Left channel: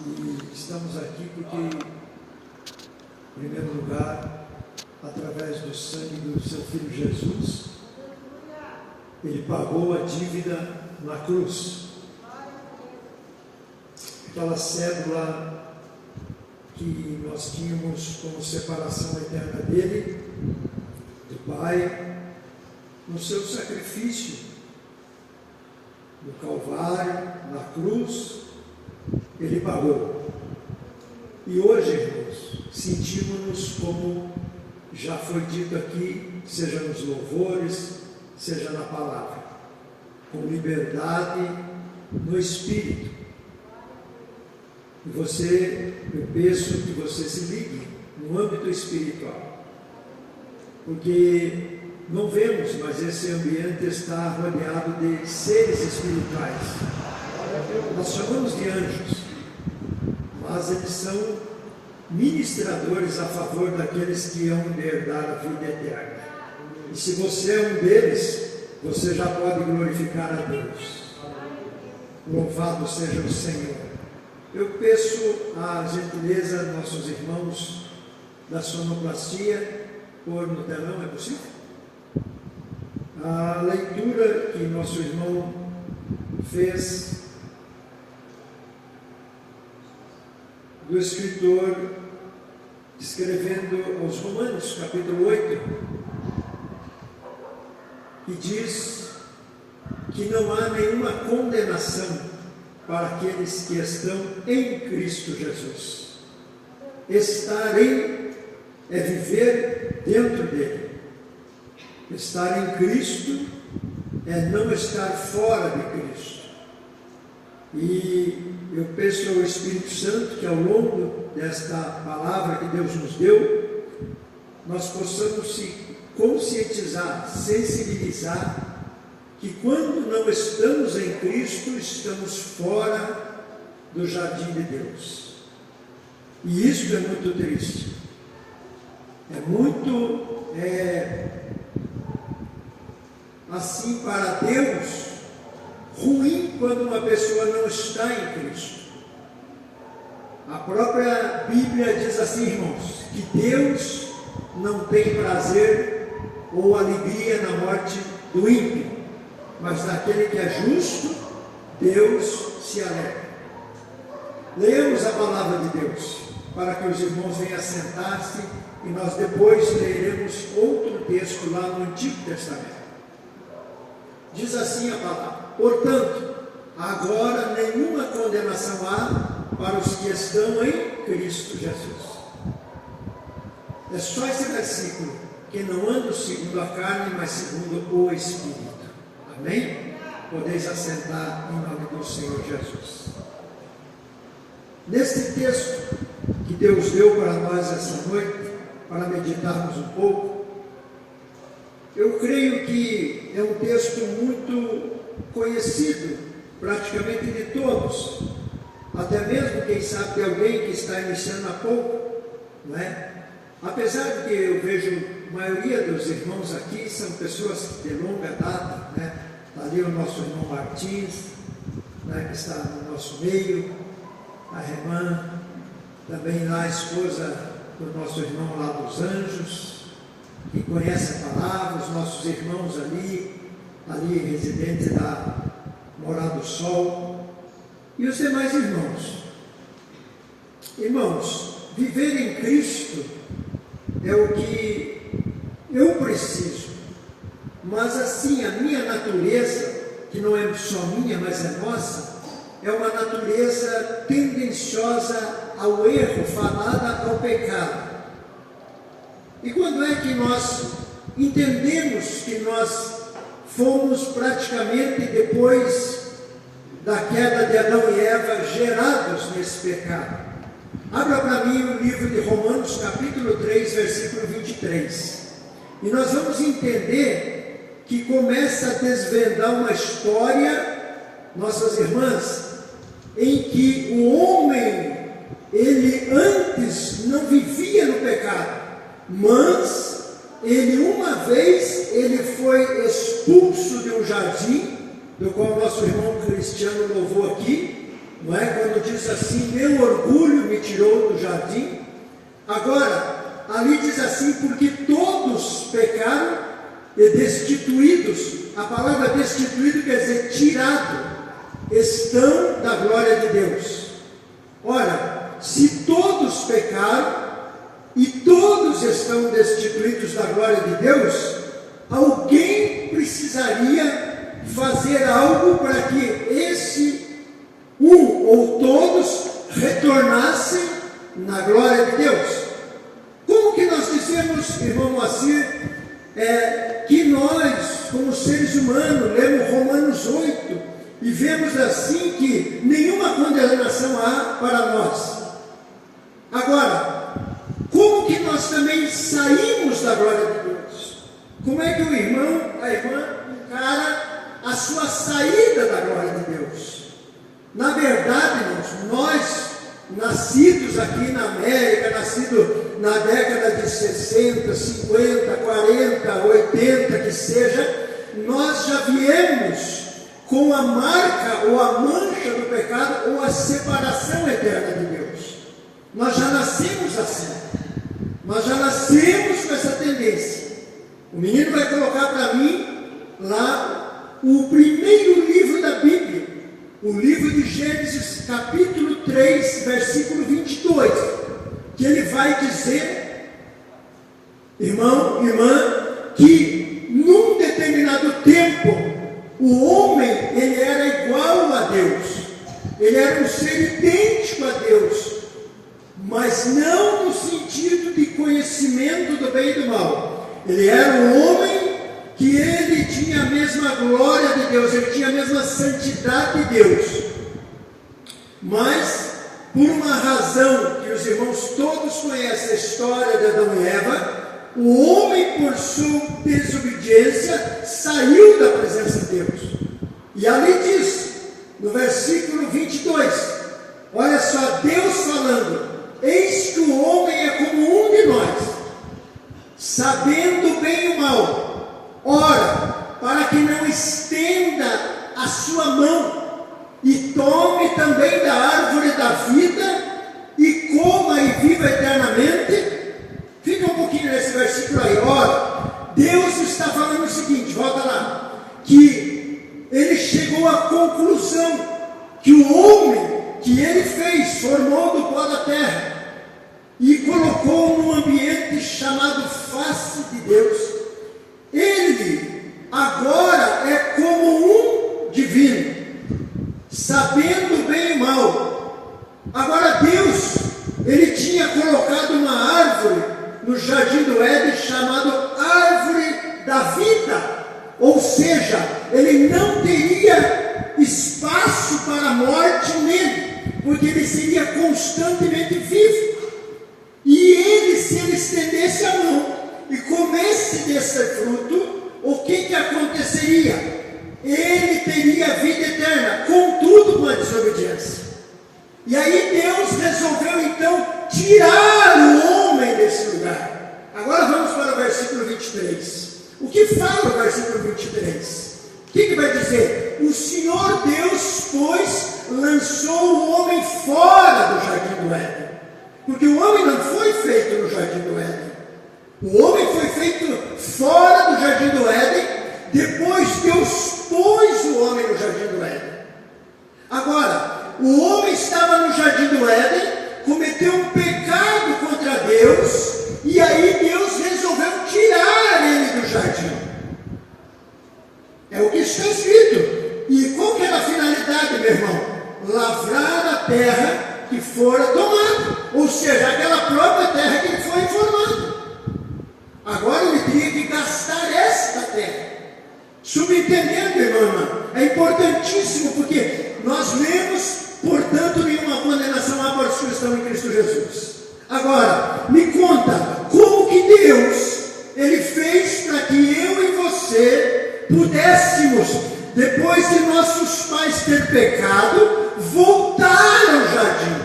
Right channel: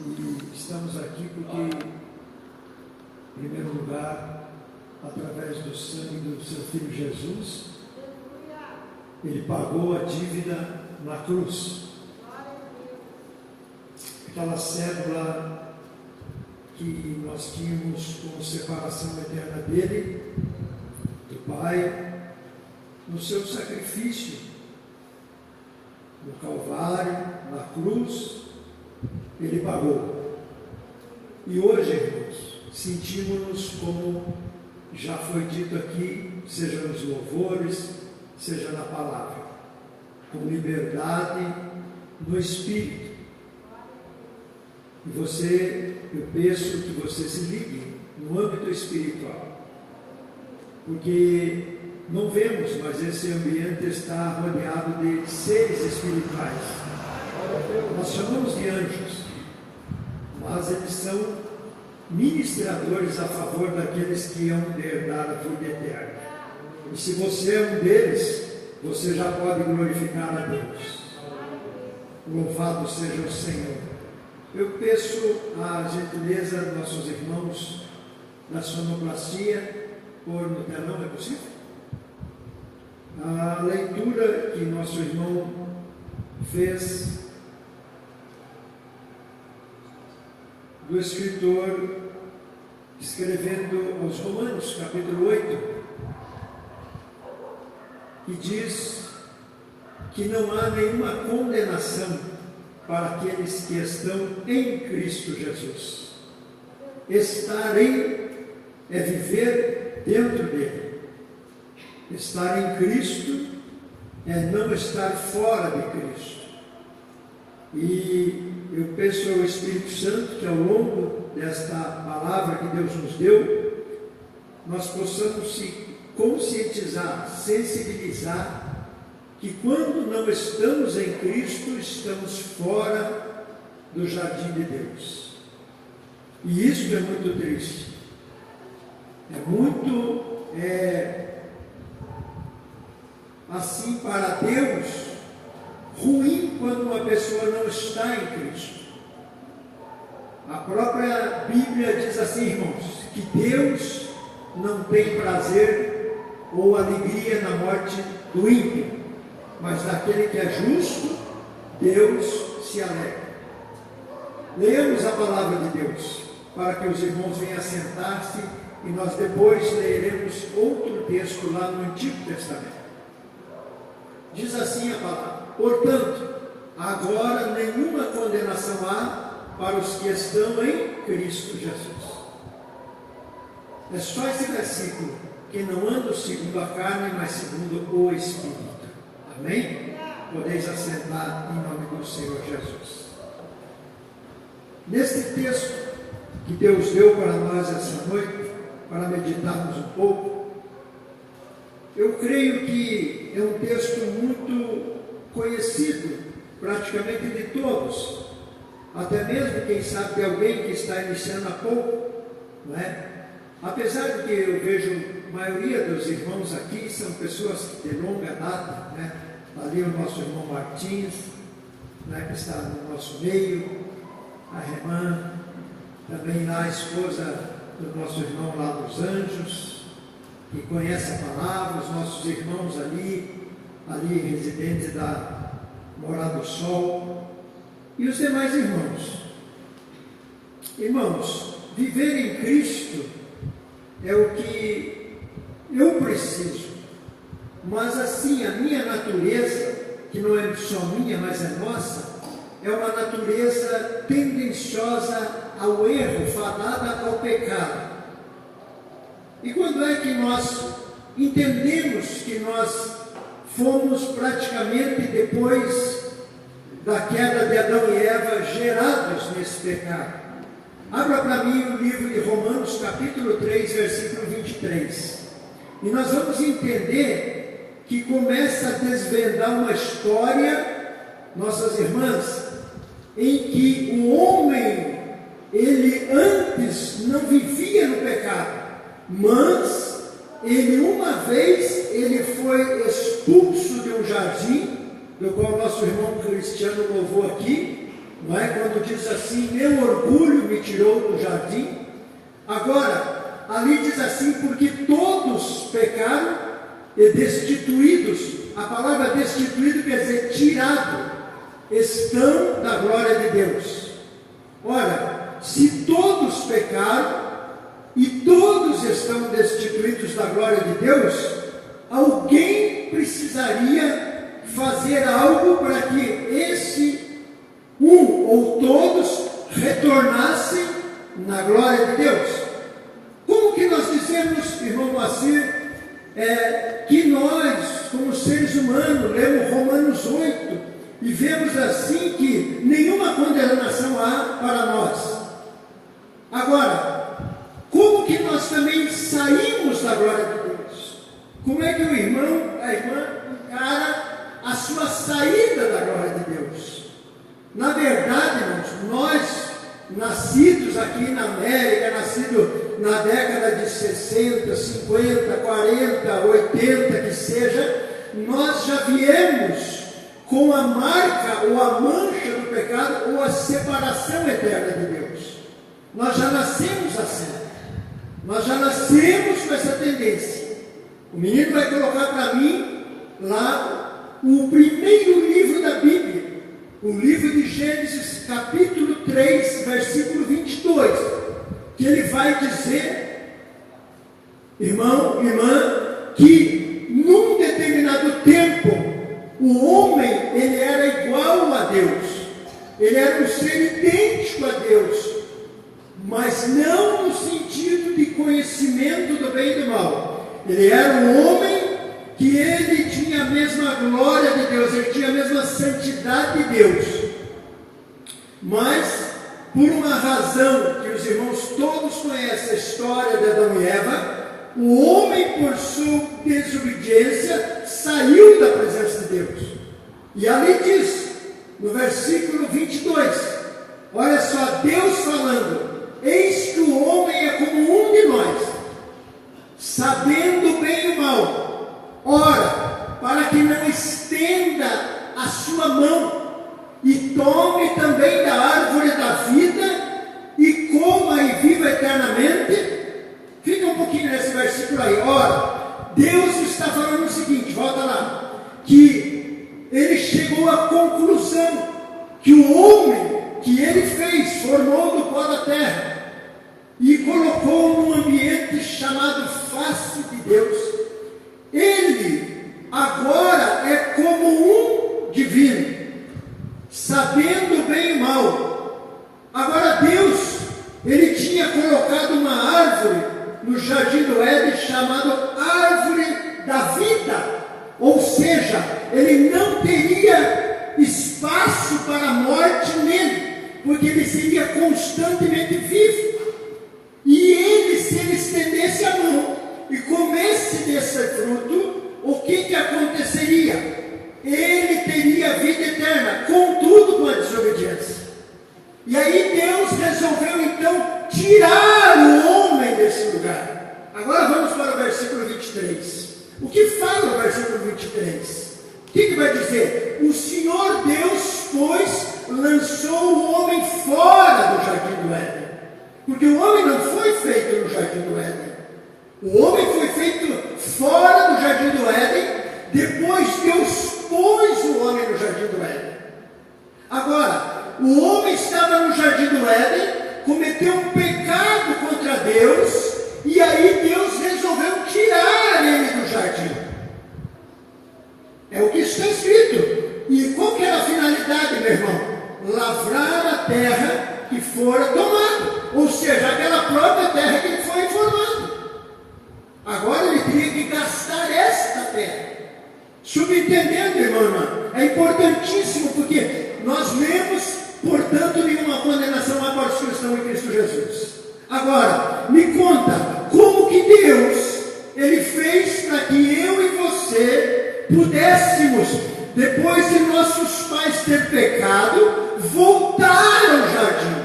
E estamos aqui porque, em primeiro lugar, através do sangue do seu Filho Jesus, Ele pagou a dívida na cruz. Aquela cédula que nós tínhamos como separação eterna dele, do Pai, no seu sacrifício, no Calvário, na cruz, Ele pagou. E hoje, irmãos, sentimos-nos como já foi dito aqui, seja nos louvores, seja na palavra, com liberdade no Espírito. E eu peço que você se ligue no âmbito espiritual, porque não vemos, mas esse ambiente está rodeado de seres espirituais. Nós chamamos de anjos, mas eles são ministradores a favor daqueles que amam herdar a vida eterna. E se você é um deles, você já pode glorificar a Deus. Louvado seja o Senhor. Eu peço a gentileza dos nossos irmãos da sonoplastia, pôr no telão, é possível? A leitura que nosso irmão fez do escritor escrevendo aos Romanos, capítulo 8, que diz que não há nenhuma condenação para aqueles que estão em Cristo Jesus. Estar em é viver dentro dele. Estar em Cristo é não estar fora de Cristo. E eu peço ao Espírito Santo que ao longo desta palavra que Deus nos deu, nós possamos se conscientizar, sensibilizar, que quando não estamos em Cristo, estamos fora do jardim de Deus. E isso é muito triste. É muito assim para Deus, ruim quando uma pessoa não está em Cristo. A própria Bíblia diz assim, irmãos, que Deus não tem prazer ou alegria na morte do ímpio, mas daquele que é justo, Deus se alegra. Leamos a palavra de Deus, para que os irmãos venham sentar-se, e nós depois leremos outro texto lá no Antigo Testamento. Diz assim a palavra: portanto, agora nenhuma condenação há para os que estão em Cristo Jesus. É só esse versículo, que não andam segundo a carne, mas segundo o Espírito. Amém? Podeis assentar em nome do Senhor Jesus. Neste texto que Deus deu para nós essa noite, para meditarmos um pouco, eu creio que é um texto muito conhecido, praticamente de todos, até mesmo, quem sabe, de alguém que está iniciando há pouco, não é? Apesar de que eu vejo a maioria dos irmãos aqui são pessoas de longa data, né? Está ali o nosso irmão Martins, né, que está no nosso meio, a irmã, também lá a esposa do nosso irmão lá dos Anjos, que conhece a palavra, os nossos irmãos ali residentes da Morada do Sol, e os demais irmãos. Irmãos, viver em Cristo é o que eu preciso, mas assim, a minha natureza, que não é só minha, mas é nossa, é uma natureza tendenciosa ao erro, fadada ao pecado. E quando é que nós entendemos que nós fomos praticamente, depois da queda de Adão e Eva, gerados nesse pecado? Abra para mim o livro de Romanos, capítulo 3, versículo 23. E nós vamos entender que começa a desvendar uma história, nossas irmãs, em que o homem, ele antes não vivia no pecado, mas ele uma vez, ele foi expulso de um jardim, do qual nosso irmão Cristiano louvou aqui, não é? Quando diz assim, meu orgulho me tirou do jardim. Agora, ali diz assim, porque todos pecaram e destituídos. A palavra destituído quer dizer tirado, estão da glória de Deus. Ora, se todos pecaram e todos estão destituídos da glória de Deus, alguém precisaria fazer algo para que esse um ou todos retornassem na glória de Deus. Como que nós dizemos, irmão Moacir, que nós, como seres humanos, lemos Romanos 8 e vemos assim que nenhuma condenação há para nós. Agora, como que nós também saímos da glória de Deus? Como é que o irmão, a irmã encara a sua saída da glória de Deus? Na verdade, irmãos, nós, nascidos aqui na América, nascidos na década de 60, 50, 40, 80, que seja, nós já viemos com a marca ou a mancha do pecado ou a separação eterna de Deus. Nós já nascemos assim. Nós já nascemos com essa tendência. O menino vai colocar para mim lá o primeiro livro da Bíblia, o livro de Gênesis, capítulo 3, versículo 22, que ele vai dizer, irmão, irmã, que num determinado tempo, o homem, ele era igual a Deus, ele era um ser idêntico a Deus, mas não no sentido de conhecimento do bem e do mal. Ele era um homem que ele tinha a mesma glória de Deus, ele tinha a mesma santidade de Deus. Mas, por uma razão que os irmãos todos conhecem a história de Adão e Eva, o homem, por sua desobediência, saiu da presença de Deus. E ali diz, no versículo 22, olha só, Deus falando, eis que o homem é como um de nós, sabendo o bem e o mal. Ora, para que não estenda a sua mão e tome também da árvore da vida e coma e viva eternamente. Fica um pouquinho nesse versículo aí. Ora, Deus está falando o seguinte, volta lá, que ele chegou à conclusão que o homem que ele fez, formou do pó da terra e colocou num ambiente chamado face de Deus, ele agora é como um divino, sabendo o bem e o mal. Agora Deus, ele tinha colocado uma árvore no jardim do Éden chamada árvore da vida, ou seja, ele não teria espaço para a morte nele, porque ele seria constantemente vivo. E ele, se ele estendesse a mão e comesse desse fruto, o que aconteceria? Ele teria vida eterna, contudo com a desobediência. E aí Deus resolveu então tirar o homem desse lugar. Agora vamos para o versículo 23. O que fala o versículo 23? O que vai dizer? O Senhor Deus, pois, lançou o homem fora do jardim do Éden. Porque o homem não foi feito no jardim do Éden. O homem foi feito fora do jardim do Éden, depois Deus pôs o homem no jardim do Éden. Agora, o homem estava no jardim do Éden, cometeu um pecado contra Deus, e aí Deus resolveu tirar ele do jardim. É o que está escrito. E qual que era a finalidade, meu irmão? Lavrar a terra que fora tomada, ou seja, aquela própria terra que ele foi formado. Agora ele teria que gastar esta terra. Subentendendo, irmã, é importantíssimo, porque nós lemos, portanto, nenhuma condenação há para os que estão em Cristo Jesus. Agora, me conta, como que Deus, ele fez para que eu e você pudéssemos, depois de nossos pais ter pecado, voltar ao jardim?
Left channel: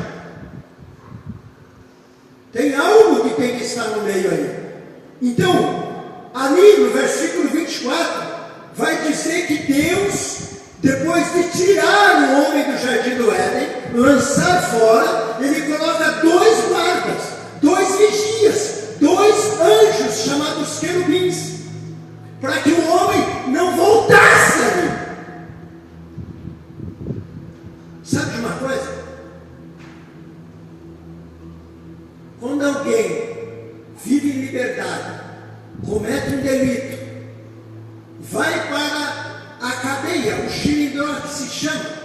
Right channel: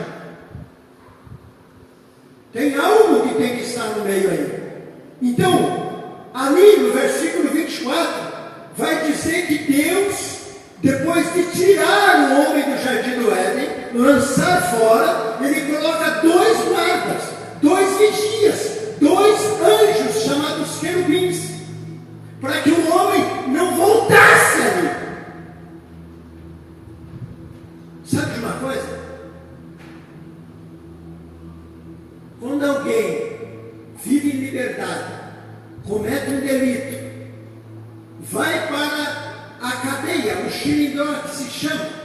Tem algo que tem que estar no meio aí. Então, ali no versículo 24, vai dizer que Deus, depois de tirar o homem do jardim do Éden, fora, ele coloca 2 guardas, 2 vigias, 2 anjos chamados querubins, para que o homem não voltasse ali. Sabe de uma coisa? Quando alguém vive em liberdade, comete um delito, vai para a cadeia, o xilindró que se chama,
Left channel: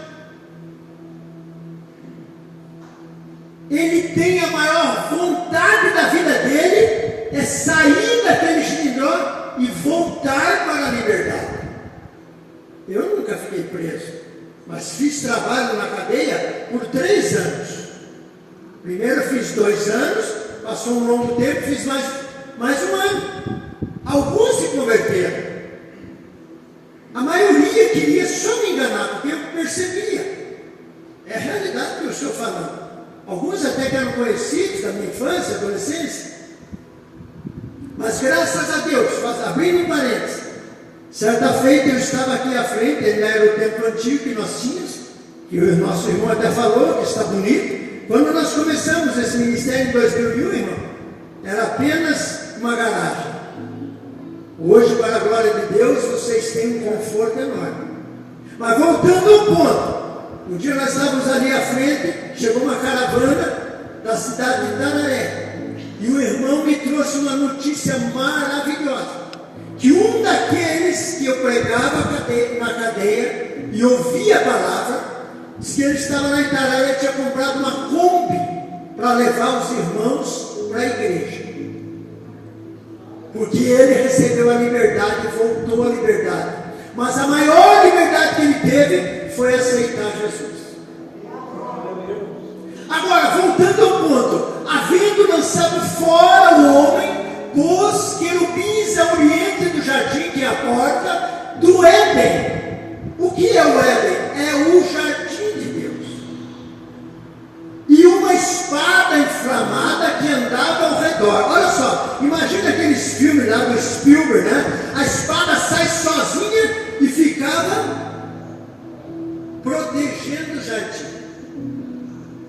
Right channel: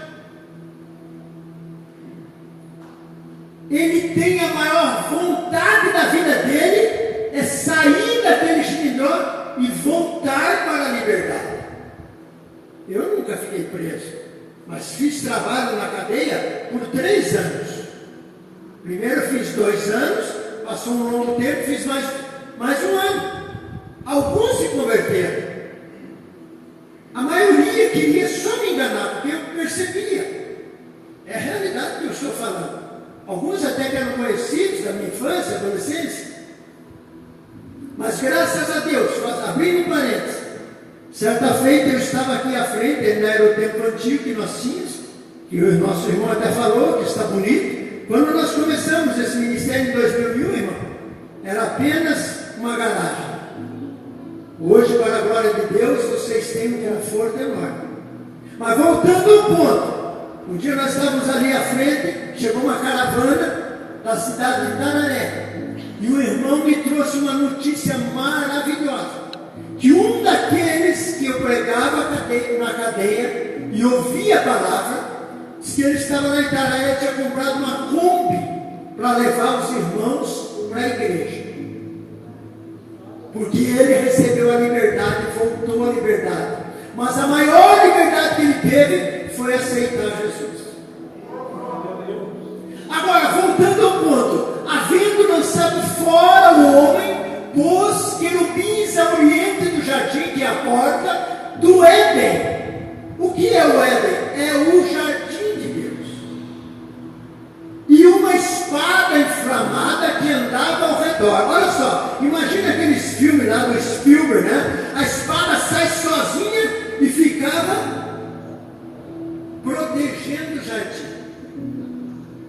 ele tem a maior vontade da vida dele, é sair daquele xilindró e voltar para a liberdade. Eu nunca fiquei preso, mas fiz trabalho na cadeia por 3 anos. Primeiro fiz 2 anos, passou um longo tempo, fiz mais 1 ano. Alguns se converteram. A maioria queria só me enganar, porque eu percebia. É a realidade que eu estou falando. Alguns até que eram conhecidos da minha infância, adolescência. Mas graças a Deus, abrindo um parênteses, certa feita eu estava aqui à frente, ele era o templo antigo que nós tínhamos, que o nosso irmão até falou, que está bonito. Quando nós começamos esse ministério em 2001, irmão, era apenas uma garagem. Hoje, para a glória de Deus, vocês têm um conforto enorme. Mas voltando ao ponto, um dia nós estávamos ali à frente, chegou uma caravana da cidade de Itararé, e o irmão me trouxe uma notícia maravilhosa, que um daqueles que eu pregava na cadeia e ouvia a palavra, disse que ele estava na Itararé, tinha comprado uma Kombi para levar os irmãos para a igreja, porque ele recebeu a liberdade e voltou à liberdade. Mas a maior liberdade que ele teve foi aceitar Jesus. Agora, voltando ao ponto, havendo lançado fora o homem, pôs querubins ao oriente do jardim, que é a porta do Éden. O que é o Éden? É o jardim de Deus. E uma espada inflamada que andava ao redor. Olha só, imagina aqueles filmes lá do Spielberg, né? A espada sai sozinha e ficava protegendo o jardim.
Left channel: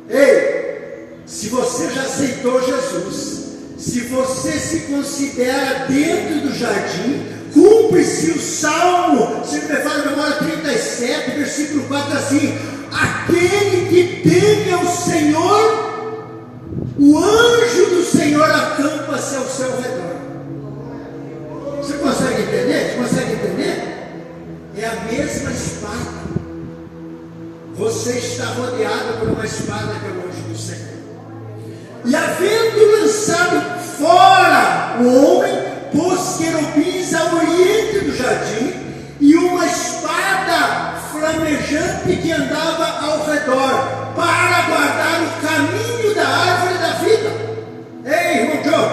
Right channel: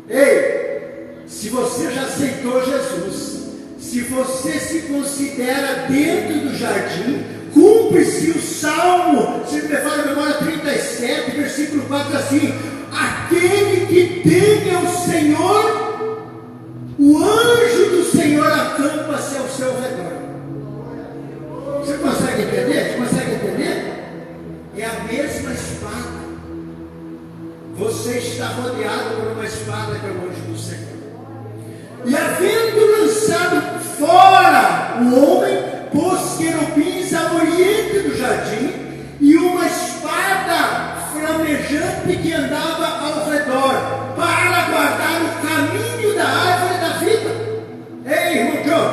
Ei, se você já aceitou Jesus, se você se considera dentro do jardim, cumpre-se o Salmo, se me fala na memória 37, versículo 4, assim: aquele que teme ao Senhor, o anjo do Senhor acampa-se ao seu redor. Você consegue entender? Você consegue entender? É a mesma espada. Você está rodeado por uma espada que é o anjo do Senhor. E havendo lançado fora o homem, pôs querubins ao oriente do jardim e uma espada flamejante que andava ao redor, para guardar o caminho da árvore da vida. Ei, irmão João,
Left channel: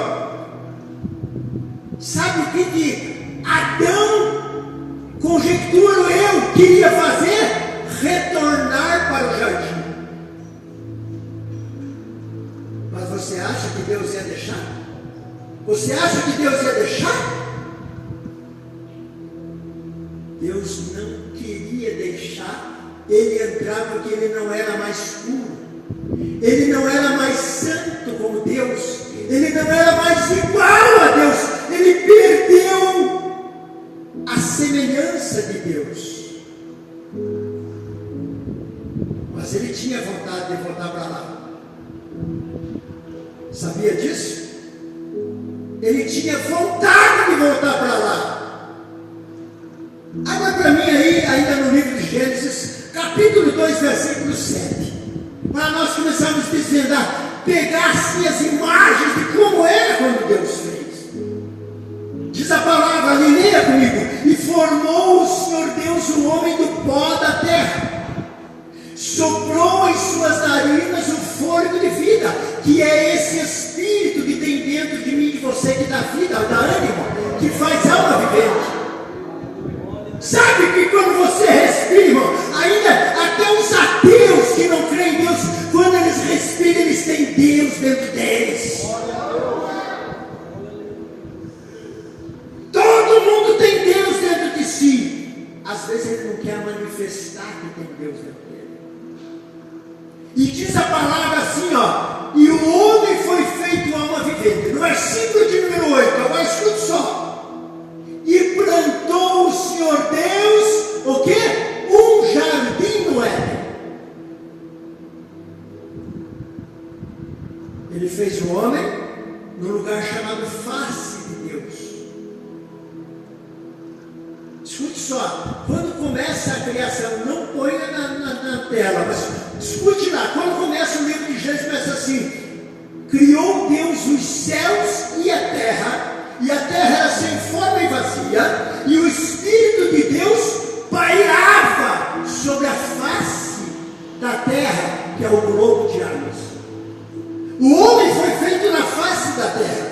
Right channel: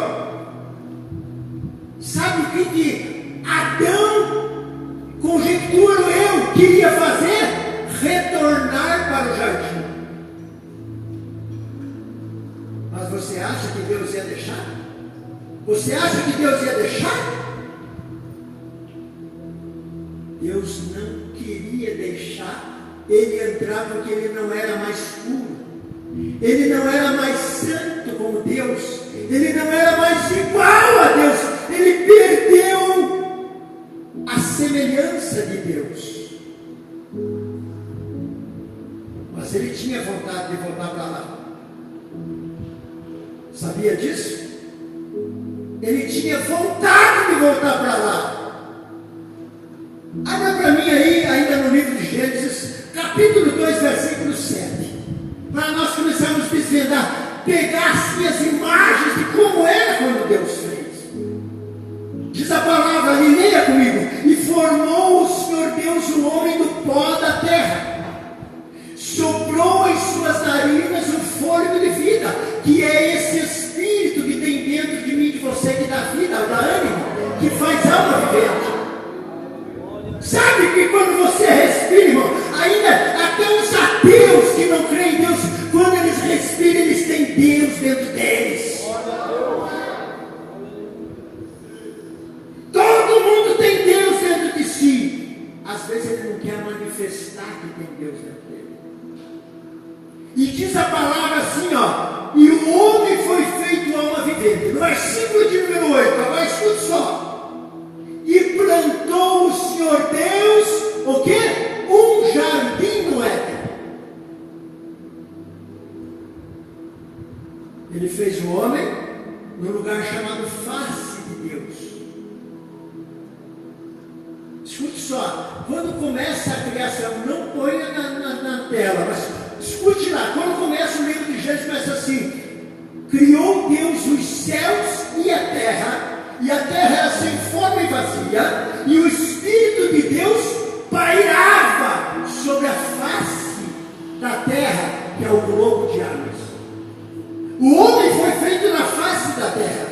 sabe o que Adão, conjecturo eu, queria fazer? Retornar para o jardim. Mas você acha que Deus ia deixar? Você acha que Deus ia deixar? Deus não queria deixar ele entrar, porque ele não era mais puro, ele não era mais santo como Deus, ele não era mais igual a Deus, ele perdeu a semelhança de Deus. Mas ele tinha vontade de voltar para lá. Sabia disso? Ele tinha vontade de voltar para lá. Abra para mim aí, ainda no livro de Gênesis, capítulo 2, versículo 7. Para nós começarmos a desvendar, pegar assim as imagens de como era quando Deus fez. Diz a palavra ali, leia comigo: e formou o Senhor Deus o homem do pó da terra, soprou em suas narinas o fôlego de vida, que é esse Espírito que tem dentro de mim, de você, que dá vida, dá ânimo, que faz alma vivente. Sabe que quando você respira, irmão, ainda até os ateus que não creem em Deus, quando eles respiram, eles têm Deus dentro deles. Todo mundo tem Deus dentro de si. Às vezes ele não quer manifestar que tem Deus dentro dele. E diz a palavra assim, ó, e o homem foi feito alma vivente. No versículo de número 8, agora escute só. E plantou o Senhor Deus, o quê? Um jardim no Éden. Ele fez o homem no lugar chamado face de Deus. Escute só, quando começa a criação, não ponha na tela, mas escute lá, quando começa o livro de Gênesis, começa assim: criou Deus os céus e a terra era sem forma e vazia, e o Espírito de Deus pairava sobre a face da terra, que é o globo de águas. O homem foi feito na face da terra.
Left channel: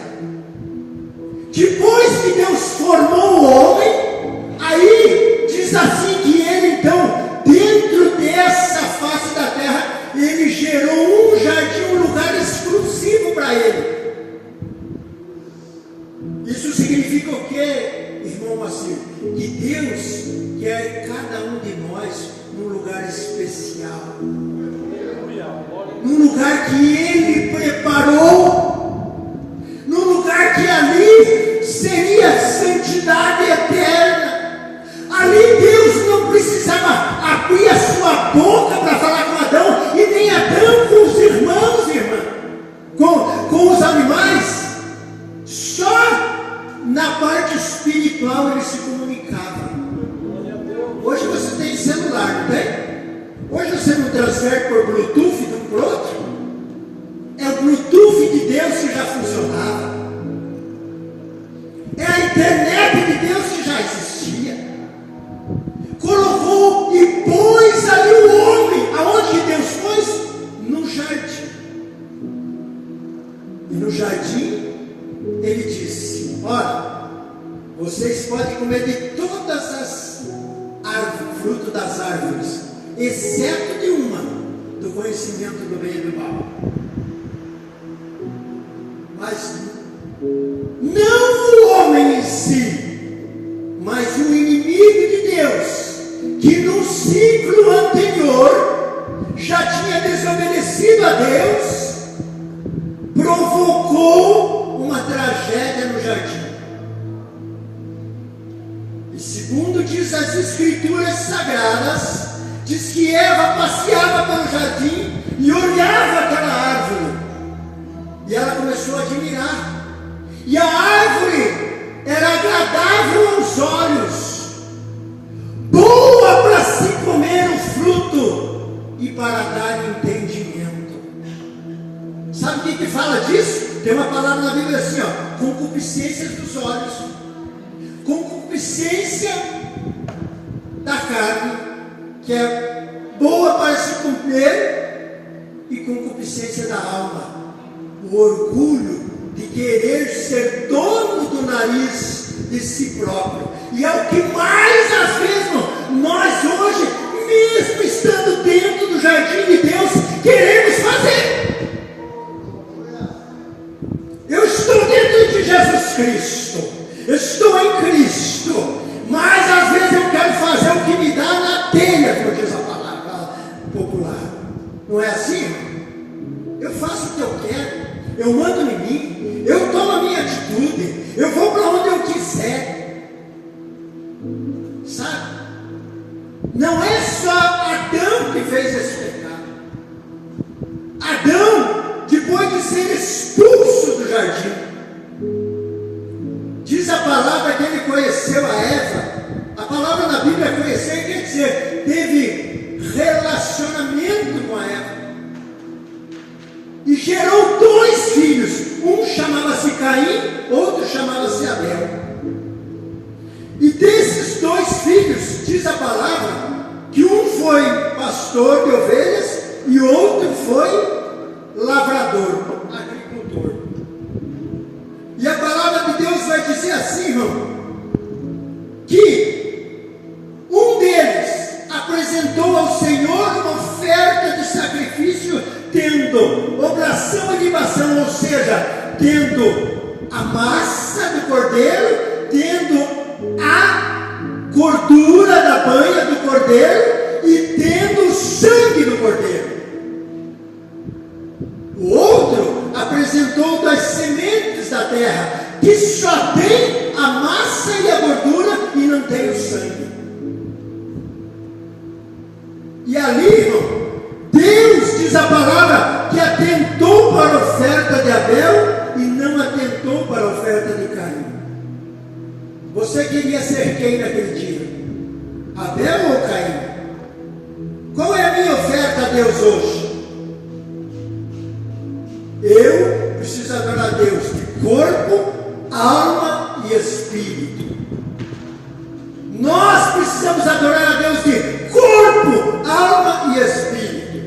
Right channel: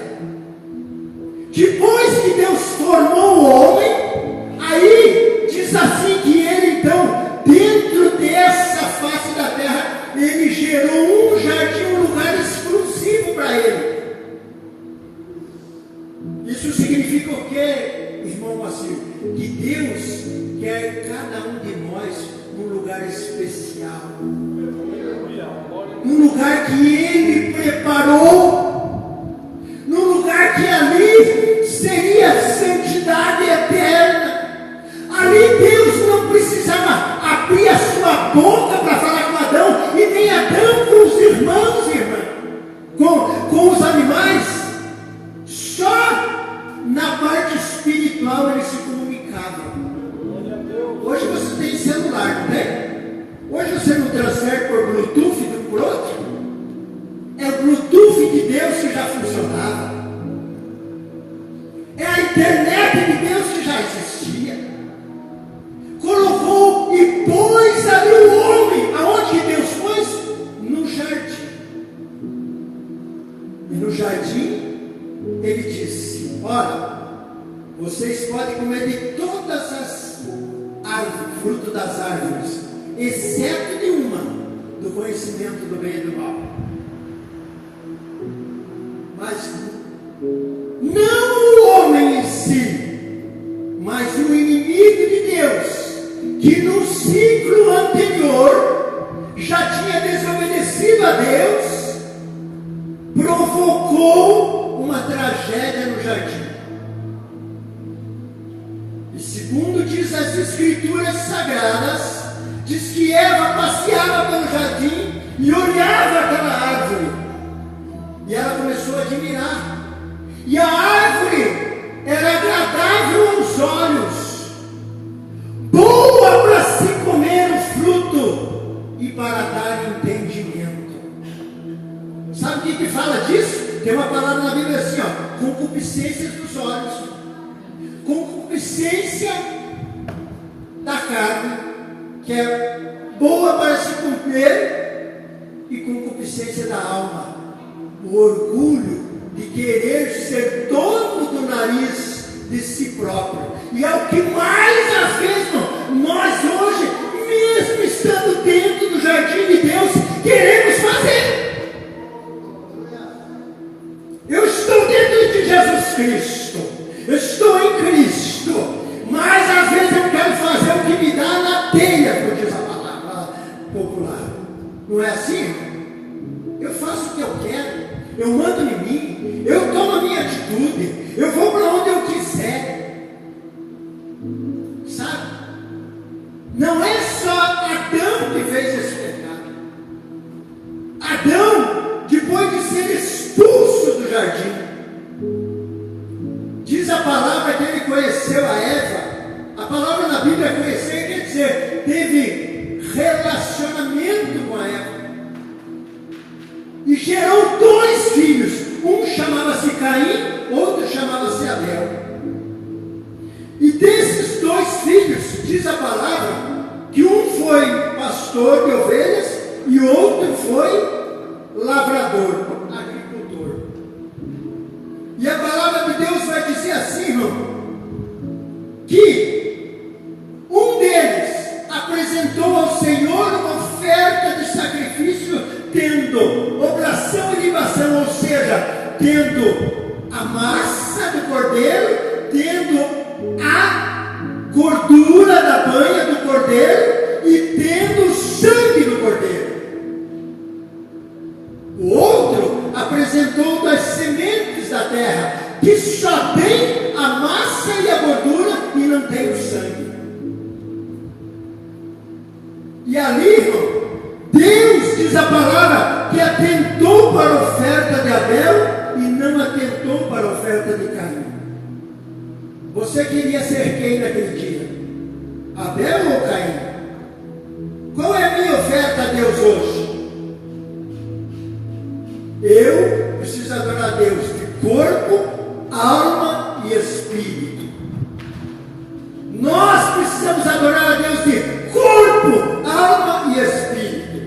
Depois que Deus formou o homem, aí diz assim que ele então, dentro dessa face da terra, ele gerou um jardim, um lugar exclusivo para ele. Isso significa o quê, irmão Macio? Que Deus quer cada um de nós num lugar especial, num lugar que Ele preparou, num lugar que ali seria santidade eterna. Ali Deus não precisava abrir a sua boca para falar com Adão, e nem Adão com os irmãos e irmãs, com os animais. Só na parte espiritual ele se comunicava. Hoje você tem celular, não tem? Hoje você não transfere por Bluetooth de um para o outro? É o Bluetooth de Deus que já funcionava. É a internet de Deus que já existia. Colocou e pôs ali o homem. Aonde que Deus pôs? No jardim. E no jardim ele disse: olha, vocês podem comer de todas as árvores, fruto das árvores, exceto de uma, do conhecimento do bem e do mal. Mas não o homem em si, mas o inimigo de Deus, que no ciclo anterior já tinha desobedecido a Deus, provocou uma tragédia no jardim. E segundo diz as Escrituras Sagradas, diz que Eva passeava pelo jardim e olhava aquela árvore, e ela começou a admirar, e a árvore era agradável aos olhos, boa para se comer o fruto e para dar entendimento. Sabe o que fala disso? Tem uma palavra na Bíblia assim, ó: concupiscências dos olhos, concupiscência da carne, que é boa para se comer, e concupiscência da alma, o orgulho de querer ser dono do nariz de si próprio. E é o que mais às vezes nós hoje, mesmo estando dentro do jardim de Deus, queremos fazer. Eu estou dentro de Jesus Cristo, eu estou em Cristo, mas às vezes eu quero fazer o que me dá na telha, como diz a palavra popular. Não é assim? Eu faço o que eu quero, eu mando em mim, eu tomo a minha atitude, eu vou para onde eu quiser. Sabe? Não é só Adão que fez esse pecado. Adão, depois de ser expulso do jardim, diz a palavra que ele conheceu a Eva. A palavra na Bíblia conhecer quer dizer, teve relacionamento com a Eva, e gerou 2 filhos. Um chamava-se Caim, outro chamava-se Abel. E desses 2 filhos, diz a palavra, que um foi pastor de ovelhas e outro foi lavrador, agricultor. E a palavra de Deus vai dizer assim, irmão, que um deles apresentou ao Senhor uma oferta de sacrifício, tendo obração e libação, ou seja, tendo a massa do cordeiro, tendo a gordura da banha do cordeiro e tendo o sangue do cordeiro. O outro apresentou das sementes da terra, que só tem a massa e a gordura e não tem o sangue. E ali, irmão, Deus, diz a palavra, que atentou para a oferta de Abel e não atentou para a oferta de Caim. Você queria ser quem naquele dia? Abel ou Caim? Qual é a minha oferta a Deus hoje? Eu preciso adorar a Deus de corpo, alma e espírito. Nós precisamos adorar a Deus de corpo, alma e espírito.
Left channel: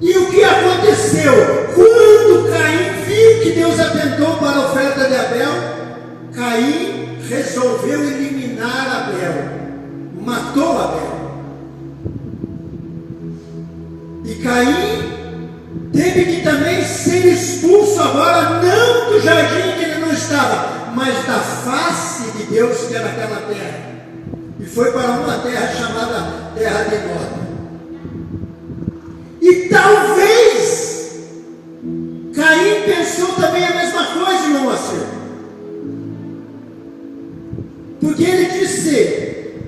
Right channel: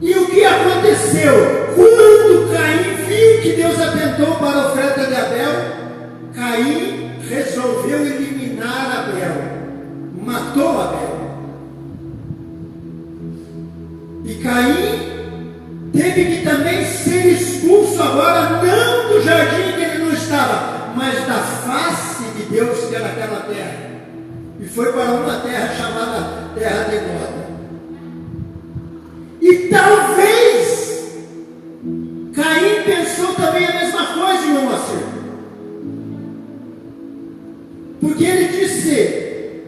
E o que aconteceu? Quando Caim viu que Deus atentou para a oferta de Abel, Caim resolveu eliminar Abel, matou Abel. E Caim teve que também ser expulso agora, não do jardim que ele não estava, mas da face de Deus que era aquela terra. E foi para uma terra chamada Terra de Nod. E talvez Caim pensou também a mesma coisa, irmão Moacir. Porque ele disse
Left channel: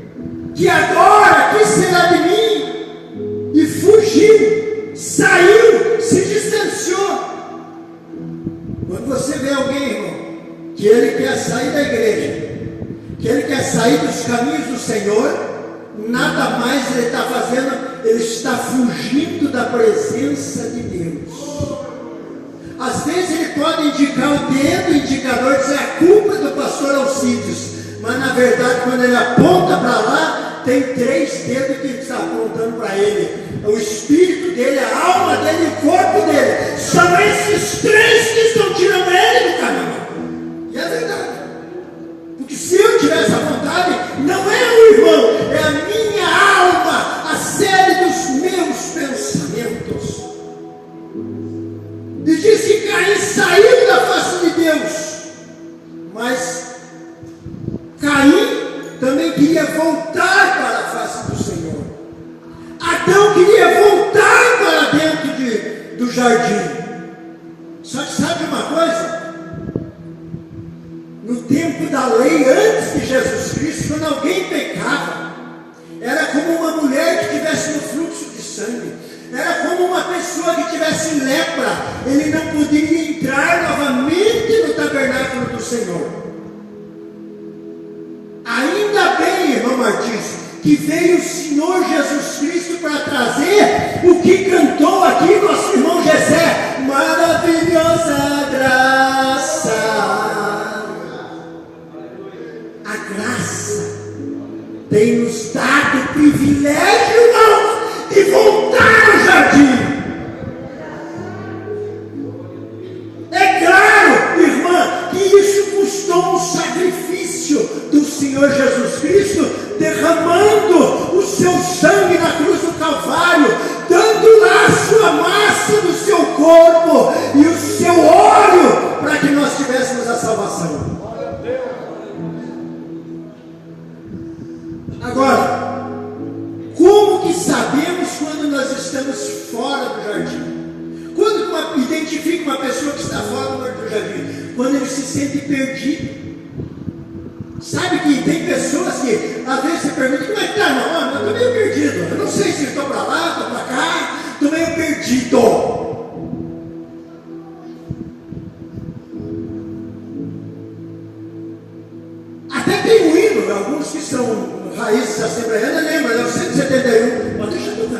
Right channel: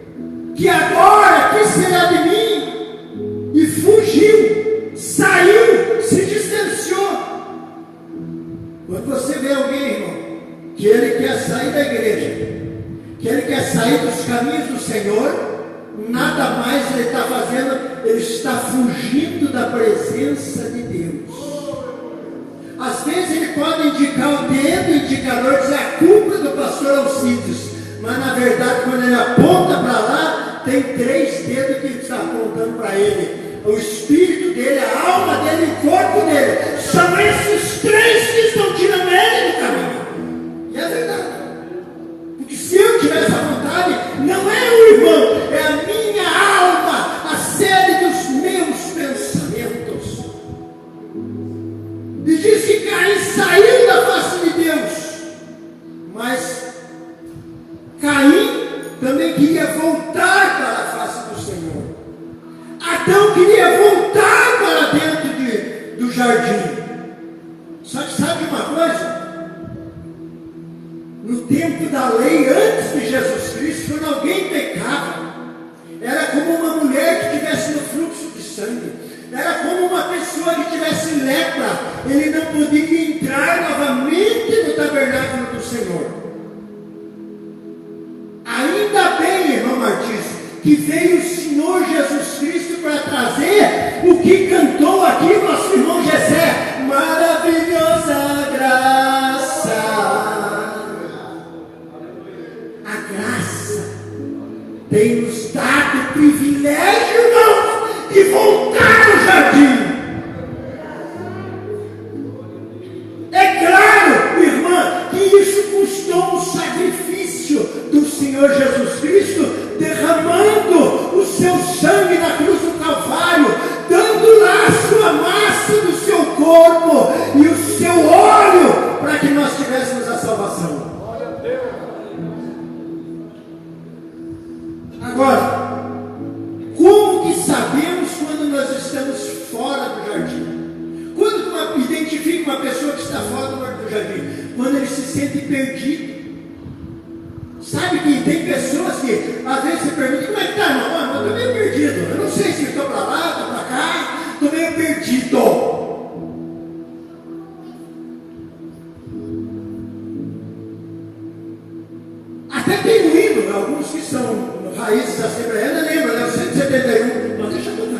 que agora, que será de mim? E fugiu, saiu, se distanciou. Quando você vê alguém, irmão, que ele quer sair da igreja, que ele quer sair dos caminhos do Senhor, nada mais ele está fazendo, ele está fugindo da presença de Deus. Às vezes ele pode indicar o dedo, o indicador, dizer a culpa do pastor Alcides, mas na verdade quando ele aponta para lá, tem 3 dedos que ele está apontando para ele. O espírito dele, a alma dele e o corpo dele. São esses 3 que estão tirando ele do caminho. E é verdade. Porque se eu tivesse a vontade, não é o irmão, é a minha alma, a sede dos meus pensamentos. E diz que Caim saiu da face de Deus. Mas Caim também queria voltar para a face do Senhor. Adão queria voltar para dentro do jardim. Só que sabe uma coisa? No tempo da lei, antes de Jesus Cristo, quando alguém pecava, era como uma mulher que estivesse no fluxo de sangue. Era como uma pessoa que tivesse lepra. Ele não poderia entrar novamente no tabernáculo do Senhor. Ainda bem, irmão Martins, que veio o Senhor Jesus Cristo para trazer o que cantou aqui nosso irmão Jessé. Maravilhosa graça. A graça tem nos dado o privilégio, irmãos, de voltar ao jardim. É claro, irmã, que isso custou um sacrifício do Senhor Jesus Cristo, derramando o seu sangue na cruz do Calvário, dando lá a sua massa do seu corpo e o seu óleo para que nós tivéssemos a salvação. Agora, como que sabemos quando nós estamos fora do jardim? Quando identifica uma pessoa que está fora do jardim? Quando ele se sente perdido. Sabe que tem pessoas que às vezes você pergunta, como é que está, irmão? Eu estou meio perdido, eu não sei se estou para lá, estou para cá, estou meio perdido. Até tem um hino, alguns que são raízes assembleianas, lembra, né? 171, mas deixa eu ver,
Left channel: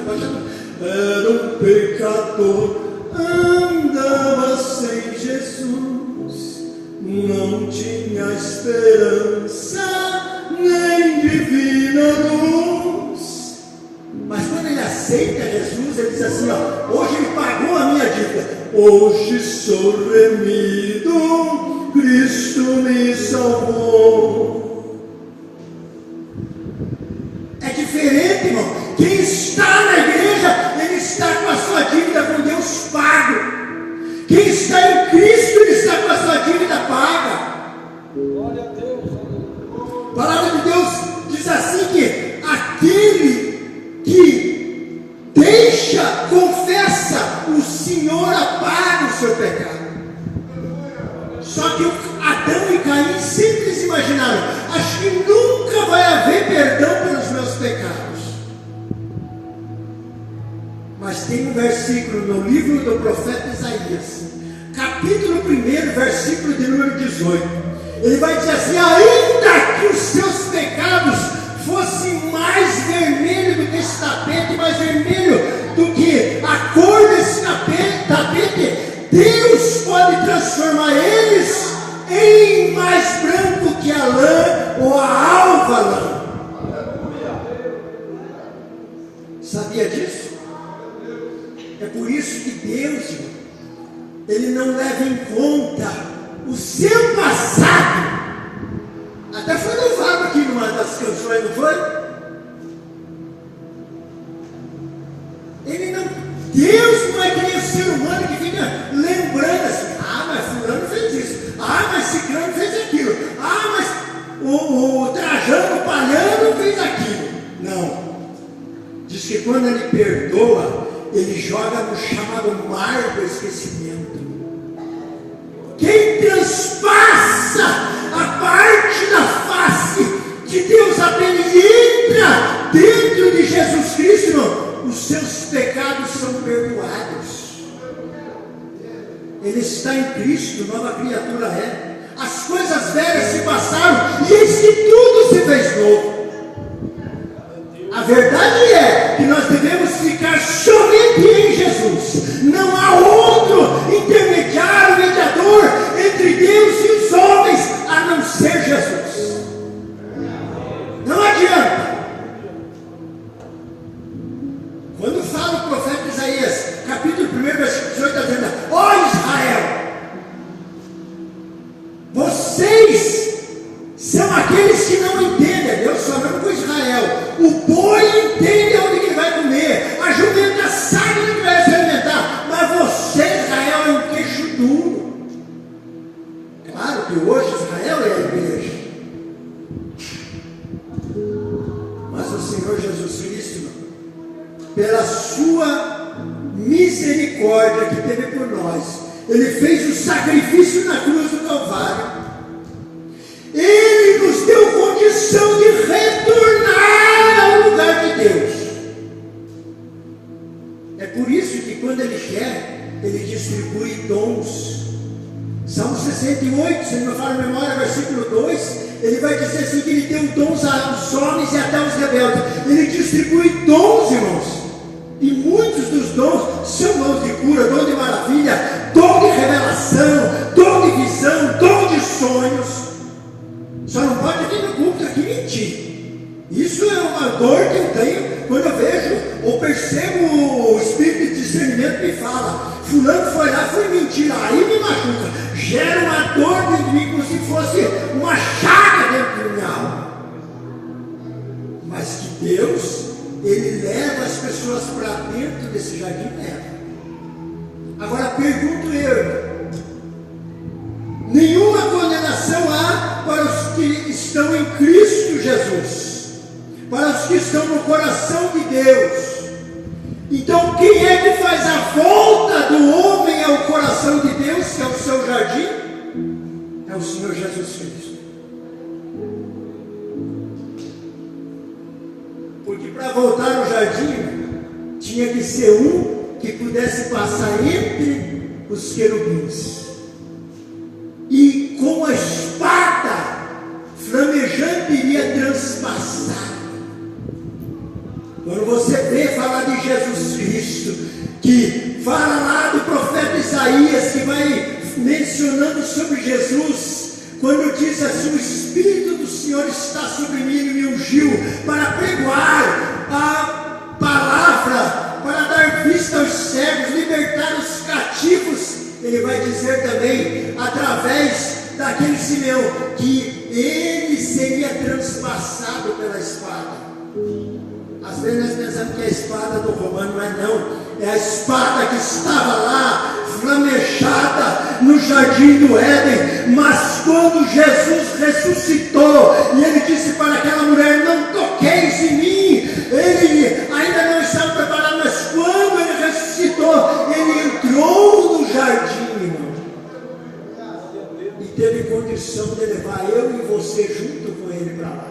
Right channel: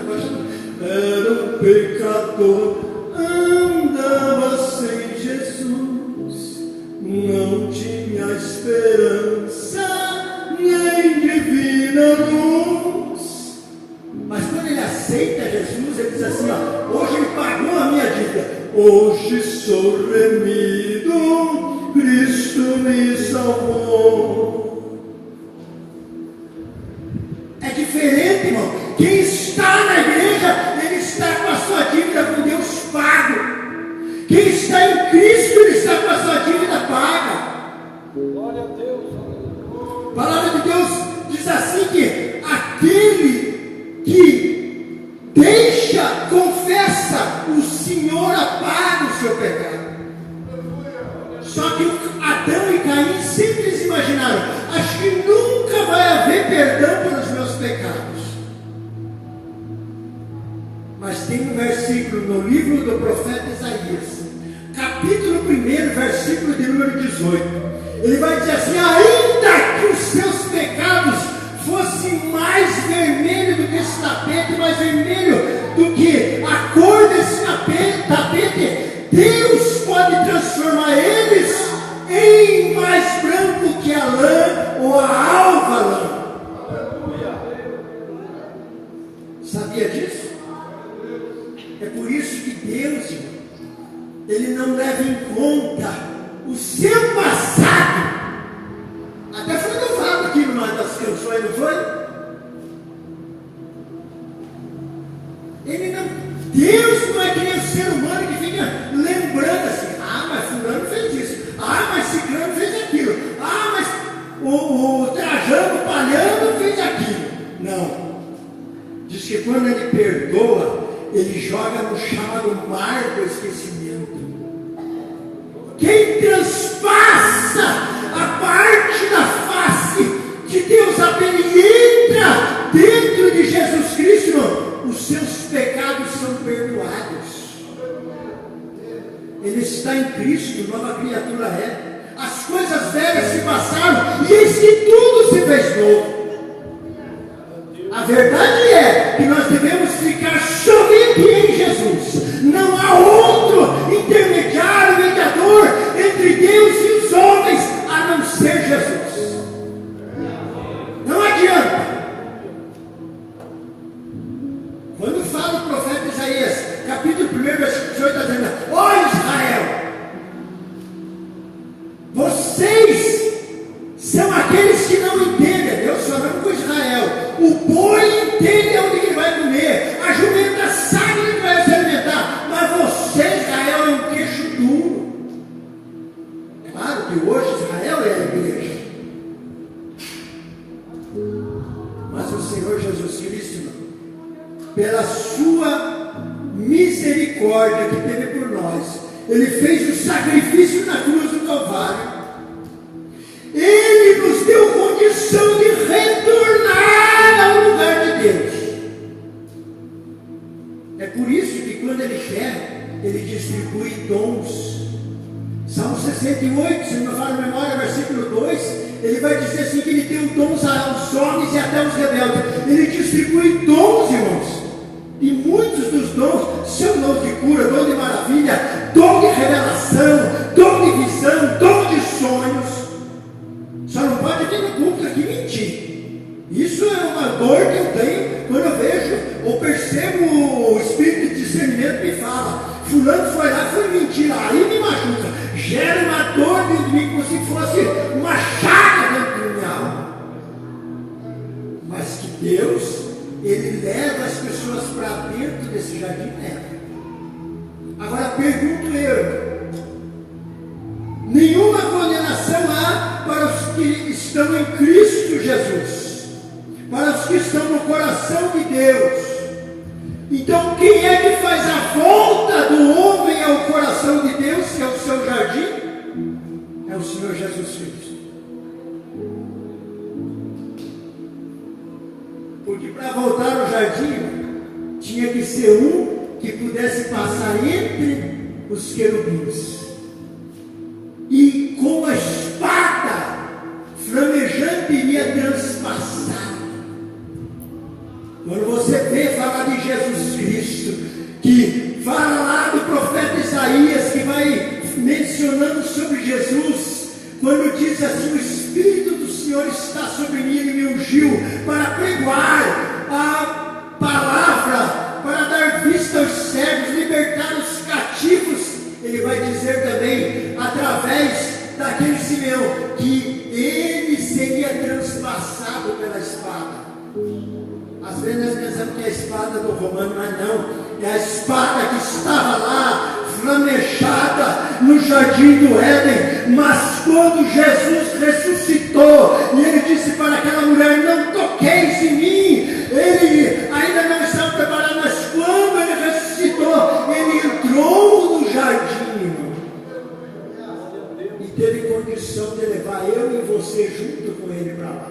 era um pecador, andava sem Jesus, não tinha esperança, nem divina luz. Mas quando ele aceita Jesus, ele diz assim, ó, hoje ele pagou a minha dívida, hoje sou remido, Cristo me salvou. É diferente, irmão. Quem está na igreja, ele está com a sua dívida com Deus pago. Quem está em Cristo, ele está com a sua dívida paga. Glória a Deus. A palavra de Deus diz assim que aquele que confessa os Senhor apaga o seu pecado. Só que Adão e Caim sempre se imaginaram: acho que nunca vai haver perdão pelos meus pecados. Mas tem um versículo no livro do profeta Isaías, capítulo 1, versículo de número 18. Ele vai dizer assim: ainda que os seus pecados fossem mais vermelhos do que esse tapete, mais vermelho do que a cor desse tapete, Deus pode transformar eles em mais branco que a lã ou a alva lã. Sabia disso? É por isso que Deus, Ele não leva em conta o seu passado. Até foi louvado aqui numa das canções, não foi? Deus não é que nem o ser humano que fica lembrando assim: mas fulano fez isso, mas ciclano fez aquilo, mas o Trajano, o Palhano fez aquilo. Não. Diz que quando Ele perdoa, Ele joga no chamado mar do esquecimento. Quem transpassa a parte da face de Deus apenas entra dentro de Jesus Cristo, os seus pecados são perdoados. Ele está em Cristo, nova criatura é. As coisas velhas se passaram e eis que tudo se fez novo. A verdade é que nós devemos ficar somente em Jesus. Não há outro intermediário, mediador entre Deus e os homens, a não ser Jesus. Não adianta. Quando fala o profeta Isaías, capítulo 1, versículo 18, está dizendo: ó Israel, vocês são aqueles que não entendem. Deus falando com Israel: o boi entende onde que vai comer, a jumenta sabe onde vai se alimentar, mas você, Israel, é um queixo duro. Claro que hoje Israel é a igreja, mas o Senhor Jesus Cristo, pela sua misericórdia que teve por nós, Ele fez o sacrifício na cruz do Calvário. Ele nos deu condição de retornar ao lugar de Deus. É por isso que quando Ele quer, Ele distribui dons. Salmo 68, se não me falha a memória, versículo 2, Ele vai dizer assim que Ele deu dons aos homens e até aos rebeldes. Ele distribui dons, irmãos. E muitos dos dons são dons de cura, dom de maravilha, dom de revelação, dom de visão, dom de sonhos. Só não pode vir no culto aqui mentir. Isso é uma dor que eu tenho quando eu vejo ou percebo o espírito de discernimento me fala: fulano foi lá, foi mentira, aí me machuca. Gera uma dor dentro de mim como se fosse uma chaga dentro da minha alma. Mas que Deus, Ele leva as pessoas para dentro desse jardim, leva. Agora pergunto eu: nenhuma condenação há para os que estão em Cristo Jesus, para os que estão no coração de Deus. Então quem é que faz a volta do homem ao coração de Deus, que é o seu jardim? É o Senhor Jesus Cristo. Porque para voltar ao jardim, tinha que ser um que pudesse passar entre os querubins. E com a espada flamejante iria transpassar. Quando você vê falar de Jesus Cristo, que fala lá do profeta Isaías, que vai mencionando sobre Jesus, quando diz assim: o Espírito do Senhor está sobre mim e me ungiu para pregoar a palavra, para dar vista aos cegos, libertar os cativos. Ele vai dizer também, através daquele Simeão, que ele seria transpassado pela espada. Às vezes nós pensamos que é a espada do romano, mas não. É a espada que estava lá, flamejada no jardim do Éden. Mas quando Jesus ressuscitou, e Ele disse para aquela mulher: não toqueis em mim. Ele ainda não estava preparado, mas quando Ele ressuscitou, Ele entrou condição de levar eu e você junto com Ele para lá.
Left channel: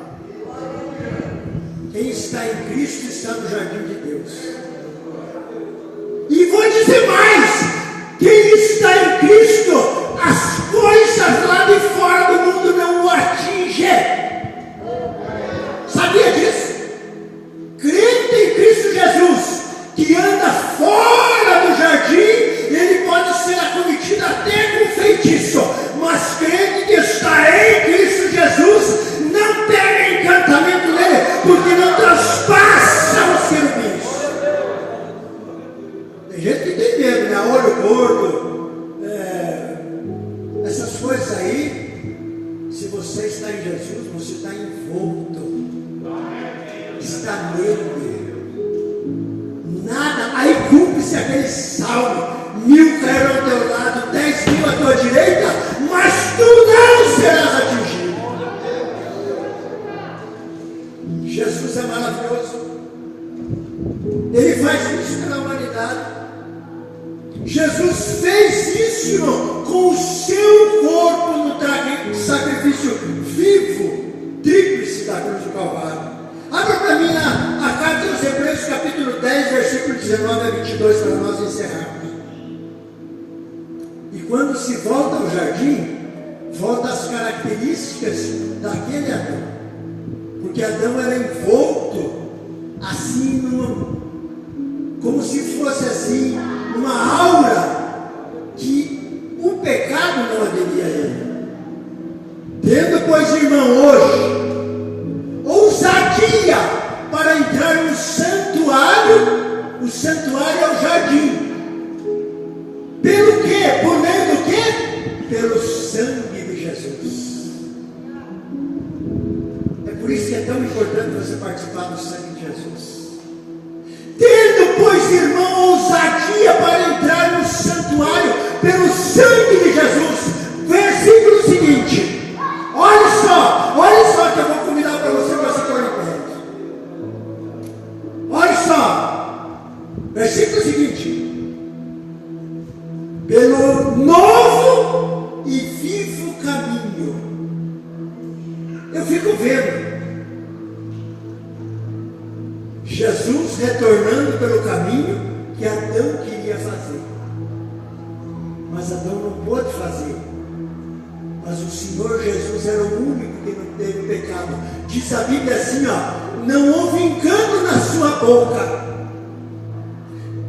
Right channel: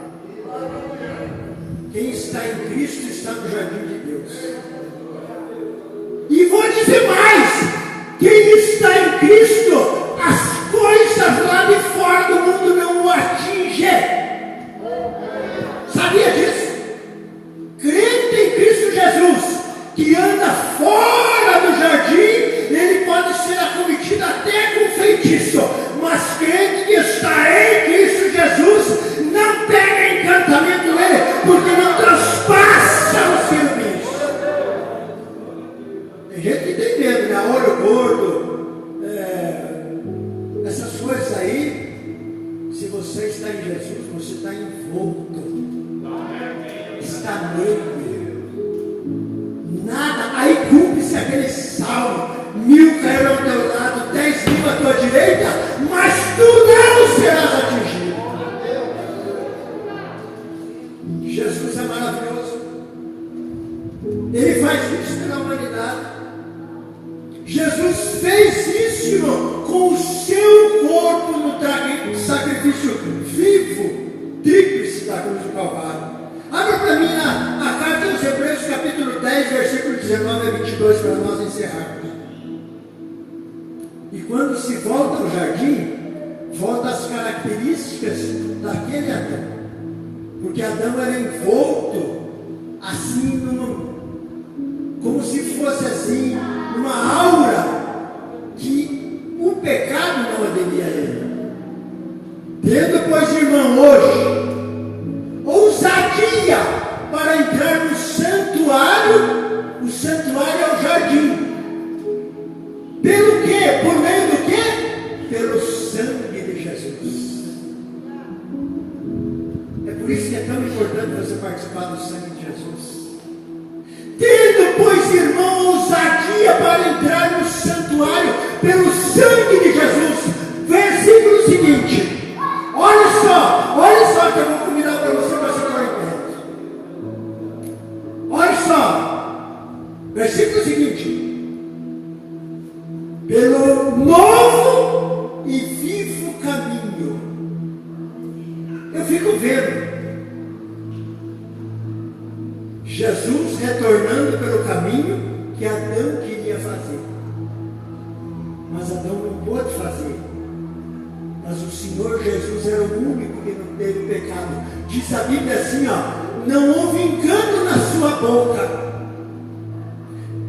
Quem está em Cristo está no jardim de Deus. E vou dizer mais: quem está em Cristo, as coisas lá de fora do mundo não o atingem. Sabia disso? Crente em Cristo Jesus, que anda fora do jardim, ele pode ser acometido até com feitiço, mas crente que está em Cristo Jesus não tem encantamento nele, porque não transpassa os querubins. Tem gente que tem medo, né? Olho gordo, essas coisas aí. Se você está em Jesus, você está envolto, está nele. Nada, aí cumpre-se aquele salmo: 1000 cairão ao teu lado, 10.000 à tua direita, mas tu não serás atingido. Jesus é maravilhoso. Ele faz isso pela humanidade. Jesus fez isso com o seu corpo no sacrifício vivo, tríplice da cruz do Calvário. Abra para mim a carta aos Hebreus, capítulo 10, versículo 19 a 22, para nós encerrarmos. E quando se volta ao jardim, volta às características daquele Adão. Porque Adão era envolto, assim, como se fosse assim, uma aura que o pecado não aderia a ele. Tendo, pois, irmão, hoje ousadia para entrar no santuário. O santuário é o jardim. Pelo quê? Por meio do quê? Pelo sangue de Jesus. É por isso que é tão importante você participar do sangue de Jesus. Tendo, pois, irmão, ousadia para entrar no santuário pelo sangue de Jesus. Versículo seguinte. Olha só que eu vou convidar para você para se pôr em pé. Olha só. Versículo seguinte. Pelo novo e vivo caminho. Eu fico vendo Jesus retornando pelo caminho que Adão queria fazer. Mas Adão não pôde fazer. Mas o Senhor Jesus era o único que não teve pecado. Diz a Bíblia assim, não houve engano na sua boca.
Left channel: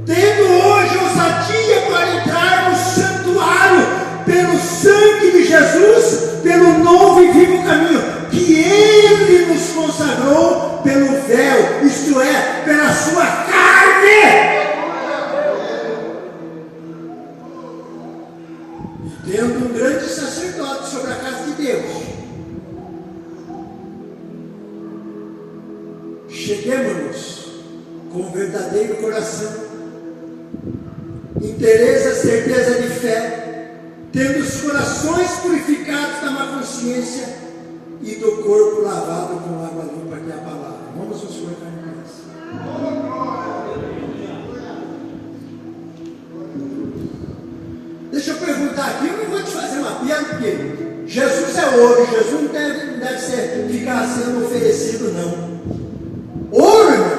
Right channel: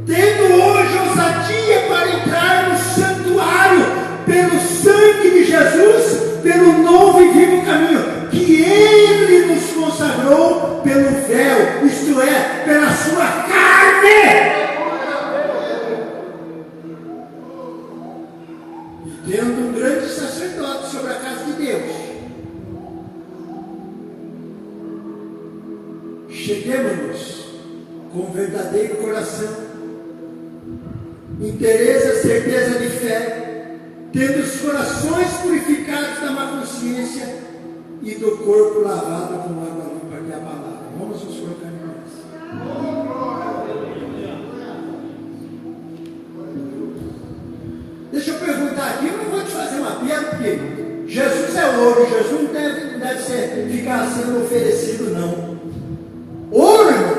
Tendo hoje ousadia para entrar no santuário pelo sangue de Jesus, pelo novo e vivo caminho que Ele nos consagrou pelo véu, isto é, pela sua carne. E tendo um grande sacerdote sobre a casa de Deus, cheguemos-nos com verdadeiro coração, interesse, certeza de fé, tendo os corações purificados da má consciência e do corpo lavado com água limpa, que é a palavra. Vamos nos colocar em nós. Deixa eu perguntar aqui, eu não vou te fazer uma piada, porque Jesus é ouro, Jesus não deve ficar sendo oferecido, não. Ouro, irmão,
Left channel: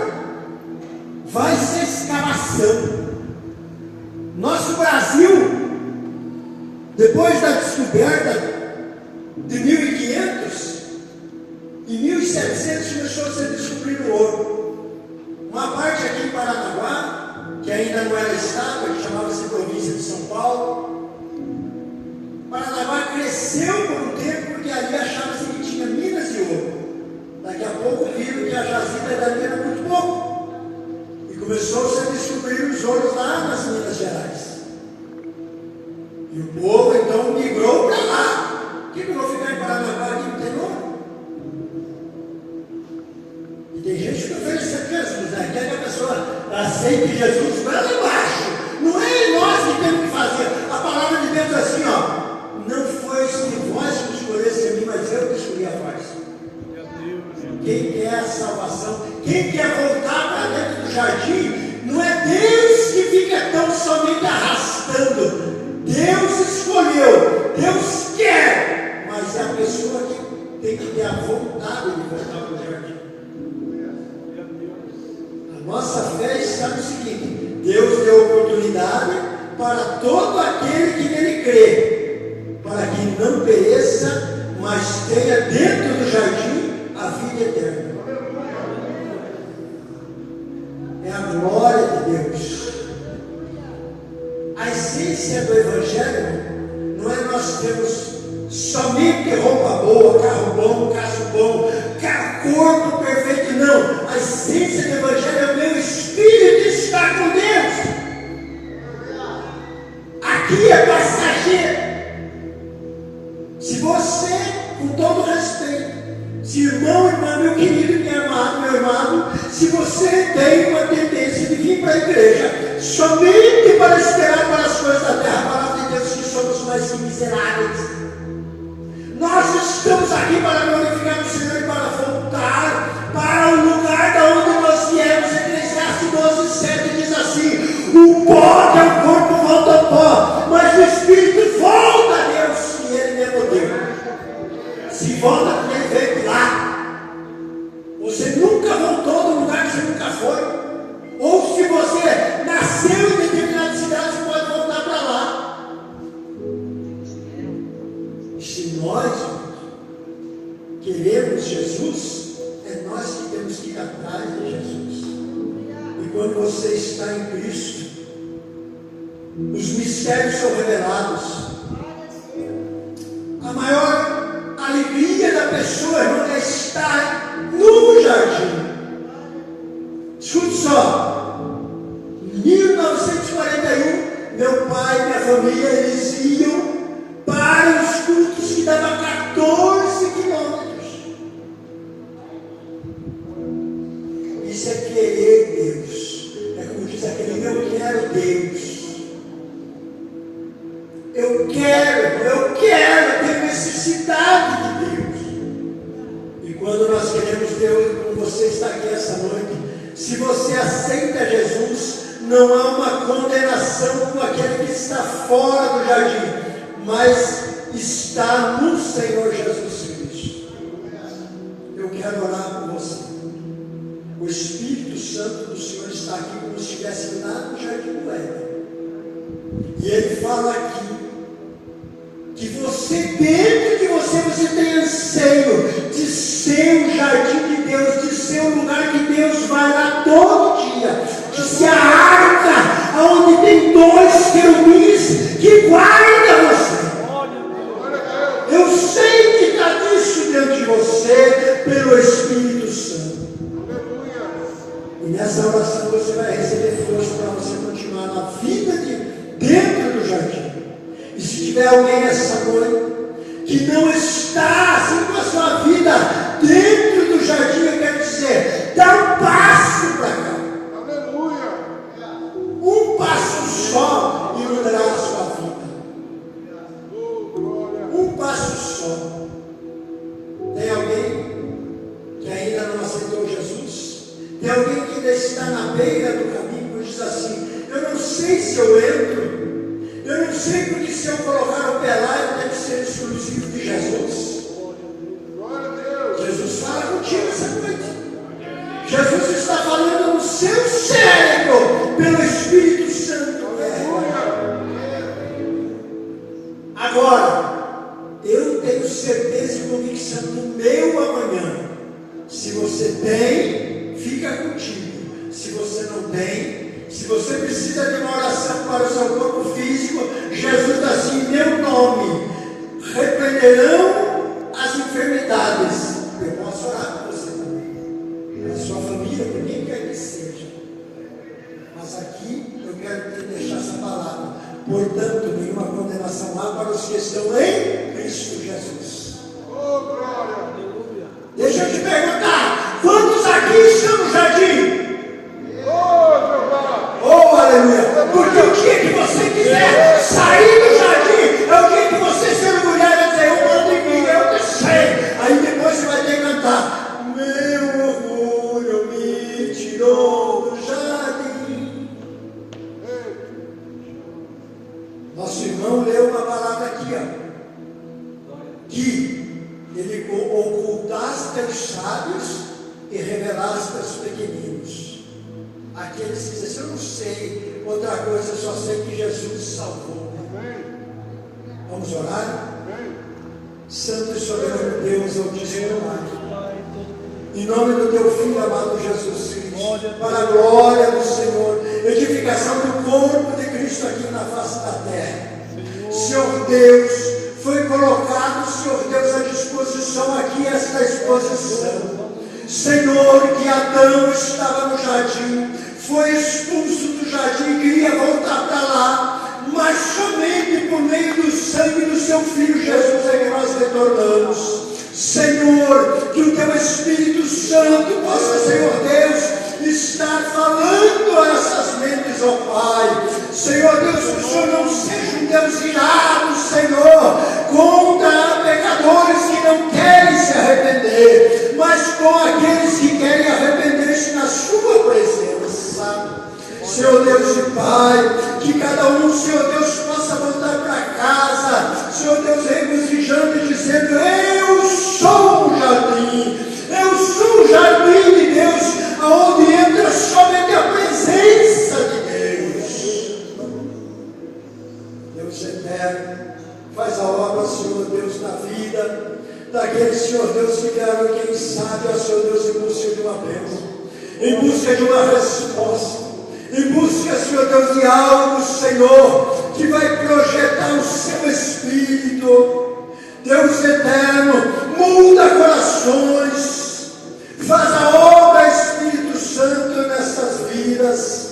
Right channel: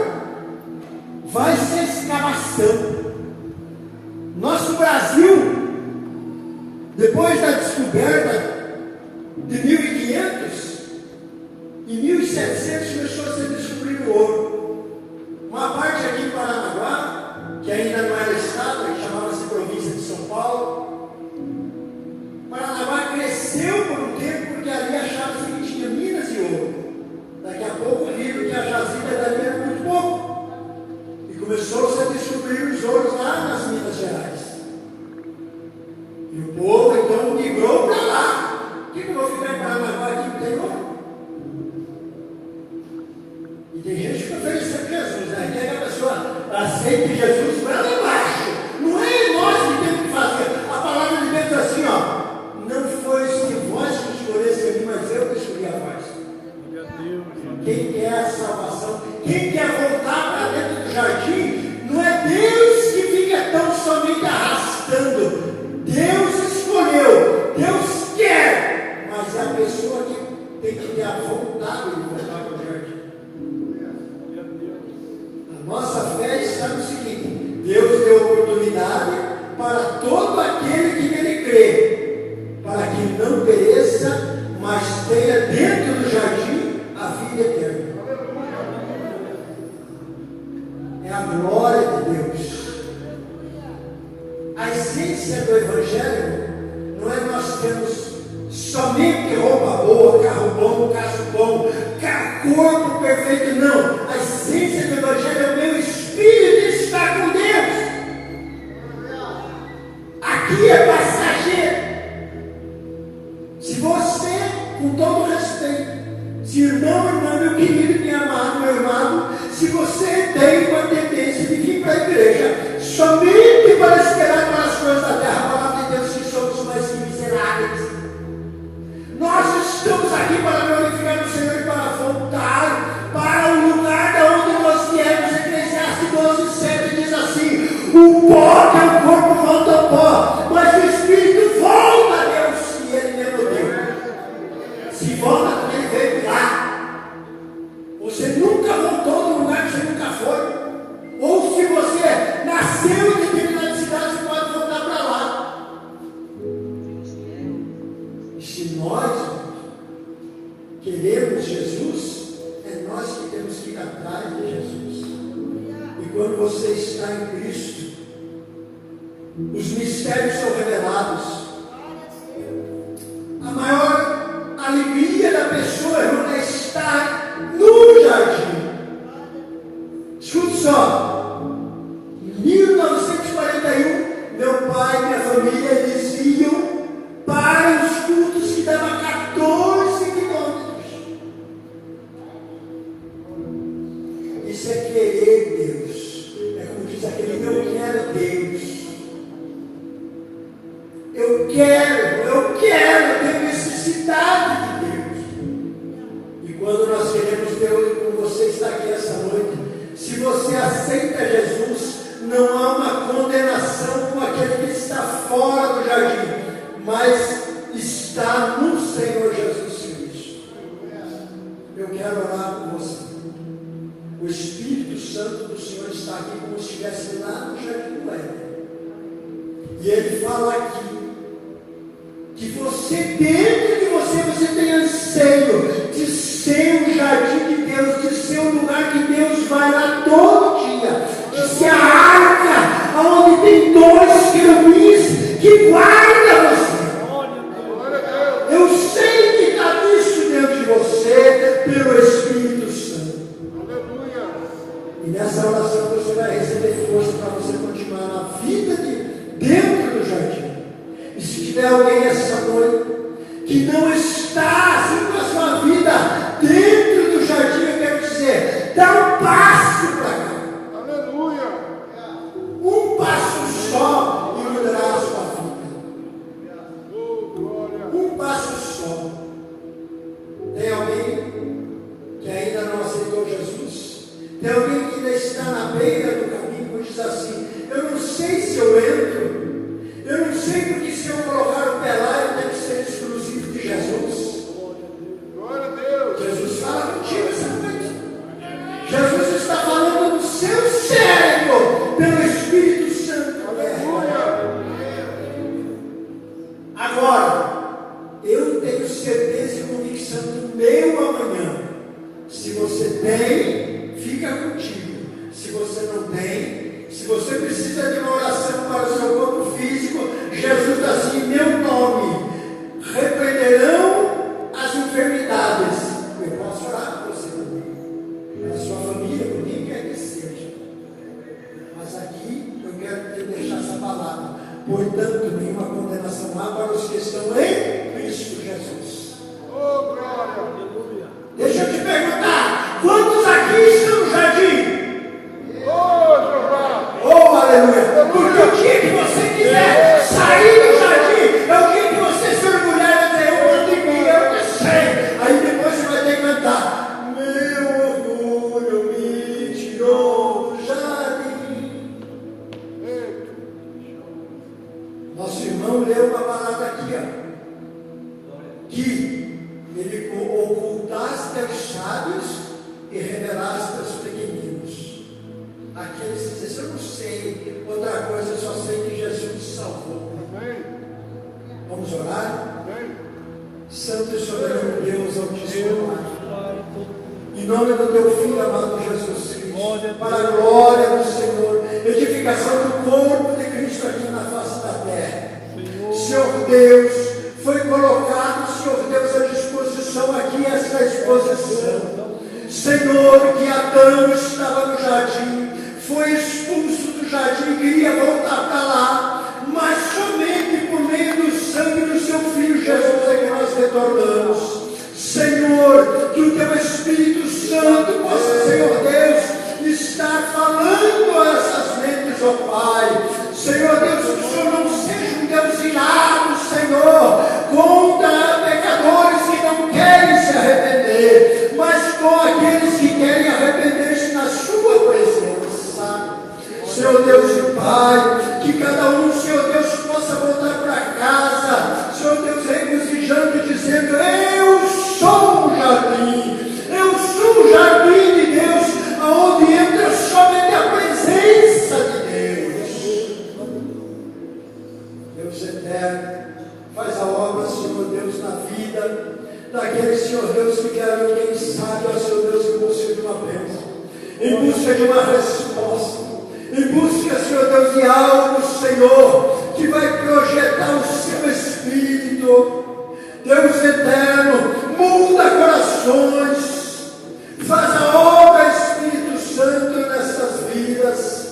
vai ser escavação. Nosso Brasil, depois da descoberta de 1500, em 1700 começou a ser descobrido ouro. Uma parte aqui em Paranaguá, que ainda não era estado, que chamava-se província de São Paulo. Paranaguá cresceu por um tempo porque ali achava-se que tinha minas de ouro. Daqui a pouco viram que a jazida dali era muito pouco. E começou-se a descobrir os ouros lá nas Minas Gerais. E o povo então migrou para lá. Por que eu vou ficar em Paranaguá aqui no interior? E tem gente que oferece Jesus, né? Quer que a pessoa aceite Jesus para lá embaixo. Não é nós que temos que fazer. A palavra de Deus é assim, não foi vós que escolheste a mim, mas eu que escolhi a vós. Quem quer a salvação, quem quer voltar para dentro do jardim, não é Deus que fica tão somente arrastando. Deus escolheu todo aquele que nele crê, para que não pereça, mas tenha dentro do jardim a vida eterna. É a glória de Deus. A essência do Evangelho não é nós termos somente roupa boa, carro bom, caso bom, corpo perfeito, não. A essência do Evangelho é o meu espírito estar com Deus. Aqui é passageiro. Se você, com todo respeito, se irmão, irmã, meu querido, meu amado, se você tem uma tendência de vir para a igreja somente para esperar para as coisas da terra, a palavra de Deus que somos mais que miseráveis. Nós estamos aqui para glorificar o Senhor e para voltar para o lugar da onde nós viemos. Eclesiastes 12:7 diz assim: o pó, que é o corpo, volta ao pó, mas o espírito volta a Deus, e ele mesmo deu. Se volta porque ele veio de lá. Você nunca voltou do lugar que você nunca foi. Ou se você nasceu em determinada cidade, você pode voltar para lá. E se nós queremos Jesus, é nós que temos que ir atrás de Jesus. E quando você está em Cristo, os mistérios são revelados. A maior alegria da pessoa, irmão, é estar no jardim. Escute só, em 1941, meu pai e minha família, eles iam para os cultos que davam 14 quilômetros. Isso é querer Deus. É como diz aquele: eu quero Deus. Eu quero ter necessidade de Deus. E quando nós queremos Deus, como você está aqui essa noite, se você aceita Jesus, não há uma condenação como aquele que está fora do jardim, mas está no Senhor Jesus Cristo. Eu quero orar por você. O Espírito Santo do Senhor está aqui como se estivesse lá no jardim do Éden. E ele fala aqui que você, dentro de você tem anseio de ser um jardim de Deus, de ser um lugar que Deus vai lá todo dia, de ser a arca onde tem 2 querubins que guardam você. Eu sei que está disso dentro de você pelo Espírito Santo. E nessa oração você vai receber força para você continuar na vida dentro do jardim. E se tiver alguém essa noite que não está assim com a sua vida dentro do jardim, eu quero dizer, dá um passo para cá. Aleluia. Um passo só e mudará a sua vida. Um passo só. Tem alguém que ainda não aceitou Jesus? Tem alguém que ainda está na beira do caminho e diz assim: eu não sei se eu entro. Eu não sei porque se eu colocar o pé lá, eu tenho que ser exclusivo de Jesus. Glória a Deus. Jesus fala contigo essa noite. Jesus está falando no seu cérebro pelo Espírito Santo. Agora, eu tenho certeza e convicção do meu amanhã. Se você tem, fica contigo. Se você não tem, se você precisa de uma oração para o seu corpo físico, Jesus está assim: em meu nome repreenderão as enfermidades. Eu posso orar por você também, a sua família, por quem quer que seja. Mas aqui eu quero te deixar essa palavra. Portanto, nenhuma condenação há para os que estão em Cristo Jesus. Oh, glória! Aleluia! Deixa eu te perguntar: quantos aqui estão no jardim? Oh, aleluia! Porque o dia que você quiser sair do jardim, é o dia que você se orgulhar e dizer: eu mando em mim, eu que sei. Aí depois você vai ter que cantar: meu orgulho me tirou do jardim. Nosso irmão leu uma palavra aqui, ó, que ele ocultaste aos sábios e revelaste aos pequeninos. Aqueles que dizem: eu não sei outra coisa, eu só sei que Jesus nos salvou. Vamos orar? Santo e soberano Deus, Altíssimo Pai, em nome do teu Filho amado Jesus Cristo, para a glória do Senhor, edificação do corpo de Cristo aqui na face da terra. Senhor Deus, foi colocado, Senhor Deus, à disposição aqui esta exposição. Senhor, que Adão estava no jardim, foi expulso do jardim, queria voltar para lá, mas somente por meio do sangue do seu Filho Jesus é que nós retornamos. Senhor, que o teu Espírito Santo possa, Senhor Deus, estar falando a essas mentes, ó Pai. Senhor Deus, que o Senhor não seja um Deus irado, Senhor, contra pecadores que não querem se arrepender, mas com aqueles que querem arrepender-se na sua presença. Senhor Deus e Pai, que cada um, Senhor Deus, possa voltar para casa, Senhor Deus, regozijando e dizendo: eu sou um jardim, eu sou um jardim de Deus, aonde entra somente a presença de Deus. Deus eterno, faz a obra, Senhor Deus, na vida daqueles, Senhor Deus, que querem, quem sabe, Senhor Deus, em busca de uma bênção, em busca de uma resposta, em busca, Senhor Deus, de algo, Senhor, que vai projetar o seu Espírito. Deus eterno, muda corações, faz a obra, Espírito Santo, nessas vidas.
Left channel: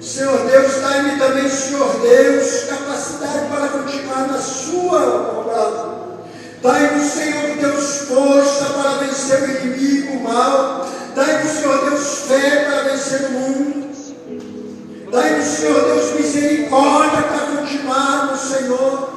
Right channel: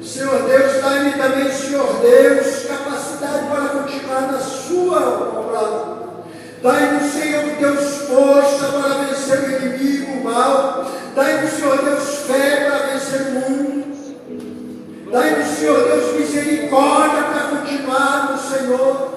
Senhor Deus, dá-me também, Senhor Deus, capacidade para continuar na sua obra. Dai-nos, Senhor Deus, força para vencer o inimigo, o mal. Dai-nos, Senhor Deus, fé para vencer o mundo. Dai-nos, Senhor Deus, misericórdia para continuarmos, Senhor.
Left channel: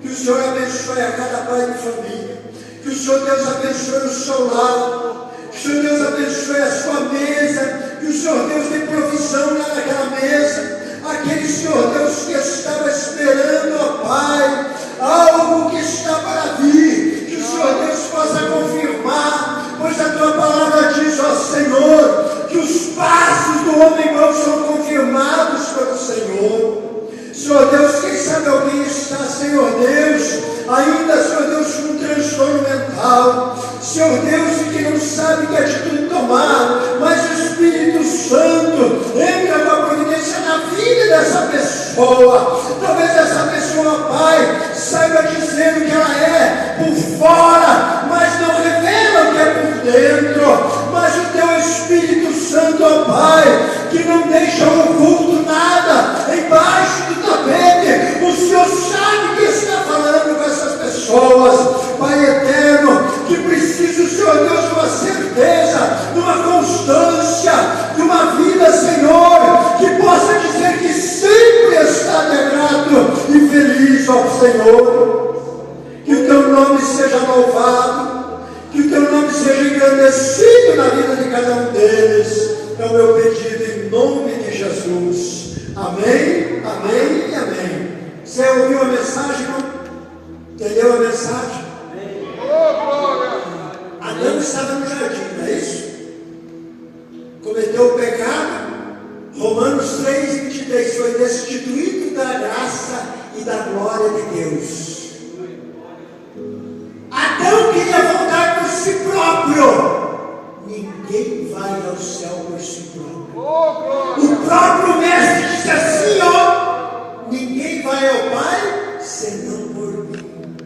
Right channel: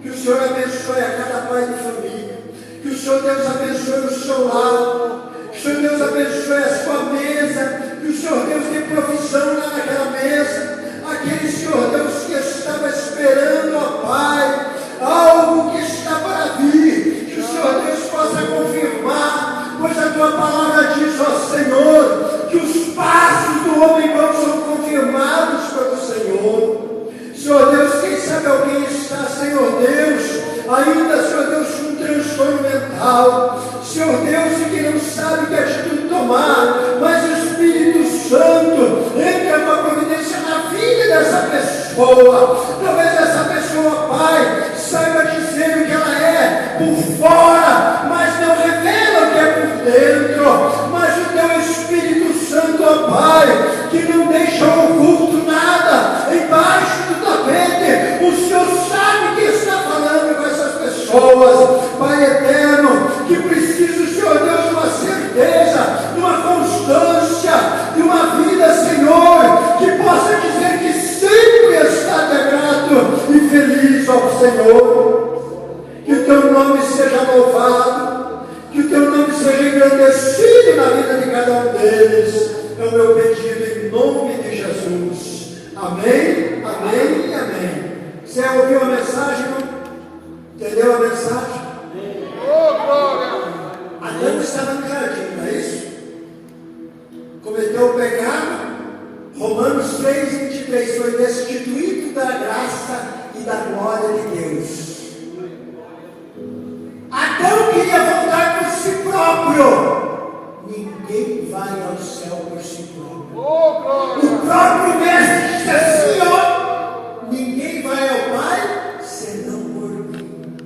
Que o Senhor abençoe a cada pai de família. Que o Senhor Deus abençoe o seu lar. Que o Senhor Deus abençoe a sua mesa. Que o Senhor Deus dê provisão lá naquela mesa. Aquele, Senhor Deus, que estava esperando, ó Pai, algo que está para vir. Que o Senhor Deus possa confirmar. Pois a tua palavra diz, ó Senhor, que os passos do homem mau são confirmados pelo Senhor. Senhor Deus, quem sabe alguém está, Senhor Deus, ainda, Senhor Deus, com um transtorno mental, Senhor Deus, que não sabe que atitude tomar, mas o Espírito Santo entra com a providência na vida dessa pessoa. Talvez essa pessoa, Pai, saiba dizendo que ela é por fora, mas não revela o que é por dentro. Mas o teu Espírito Santo, ó Pai, que não deixa oculto nada embaixo do tapete, o Senhor sabe que está falando com essas pessoas, Pai eterno, que precisa, Senhor Deus, de uma certeza, de uma constância, de uma vida, Senhor, que possa dizer que sempre está grato e feliz ao Senhor. Que o teu nome seja louvado, que o teu nome seja engrandecido na vida de cada um deles. É o meu pedido em nome de Jesus. Amém, amém e amém. Você ouviu a mensagem? Entendeu a mensagem? Adão estava no jardim, não é isso? Cometeu o pecado. Romanos 3:23 foi destituído da graça e da glória de Deus. Adão queria voltar por si próprio. Ninguém vai ao céu por si próprio. O próprio mestre disse assim, ó: ninguém vai ao Pai senão por mim.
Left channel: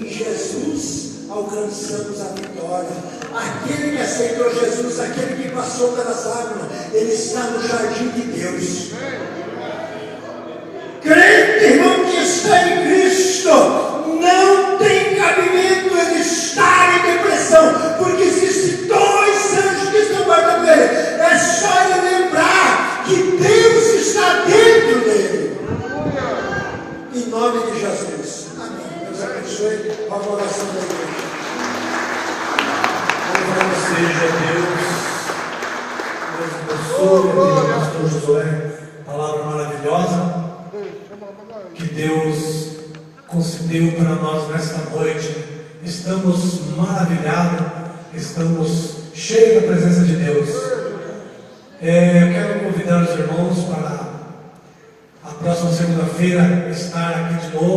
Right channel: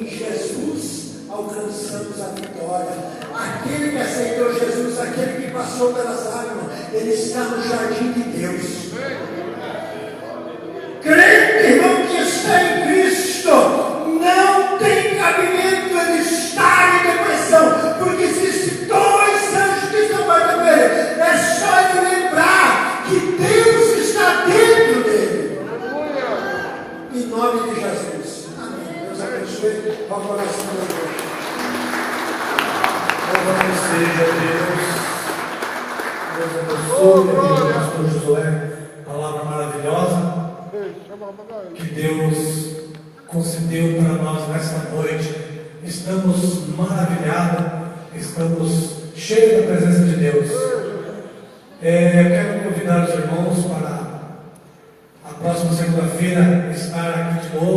Em Jesus alcançamos a vitória. Aquele que aceitou Jesus, aquele que passou pelas águas, ele está no jardim de Deus. Crente, irmão, que está em Cristo, não tem cabimento ele estar em depressão, porque existem dois anjos que estão guardando ele. É só ele lembrar que Deus está dentro dele. Em nome de Jesus. Amém. Deus abençoe a oração da igreja. Louvado seja Deus. Deus abençoe, pastor Josué. Palavra maravilhosa que Deus concedeu para nós nesta noite. Estamos maravilhados, estamos cheios da presença de Deus. Eu quero convidar os irmãos para próxima segunda-feira estar aqui de novo.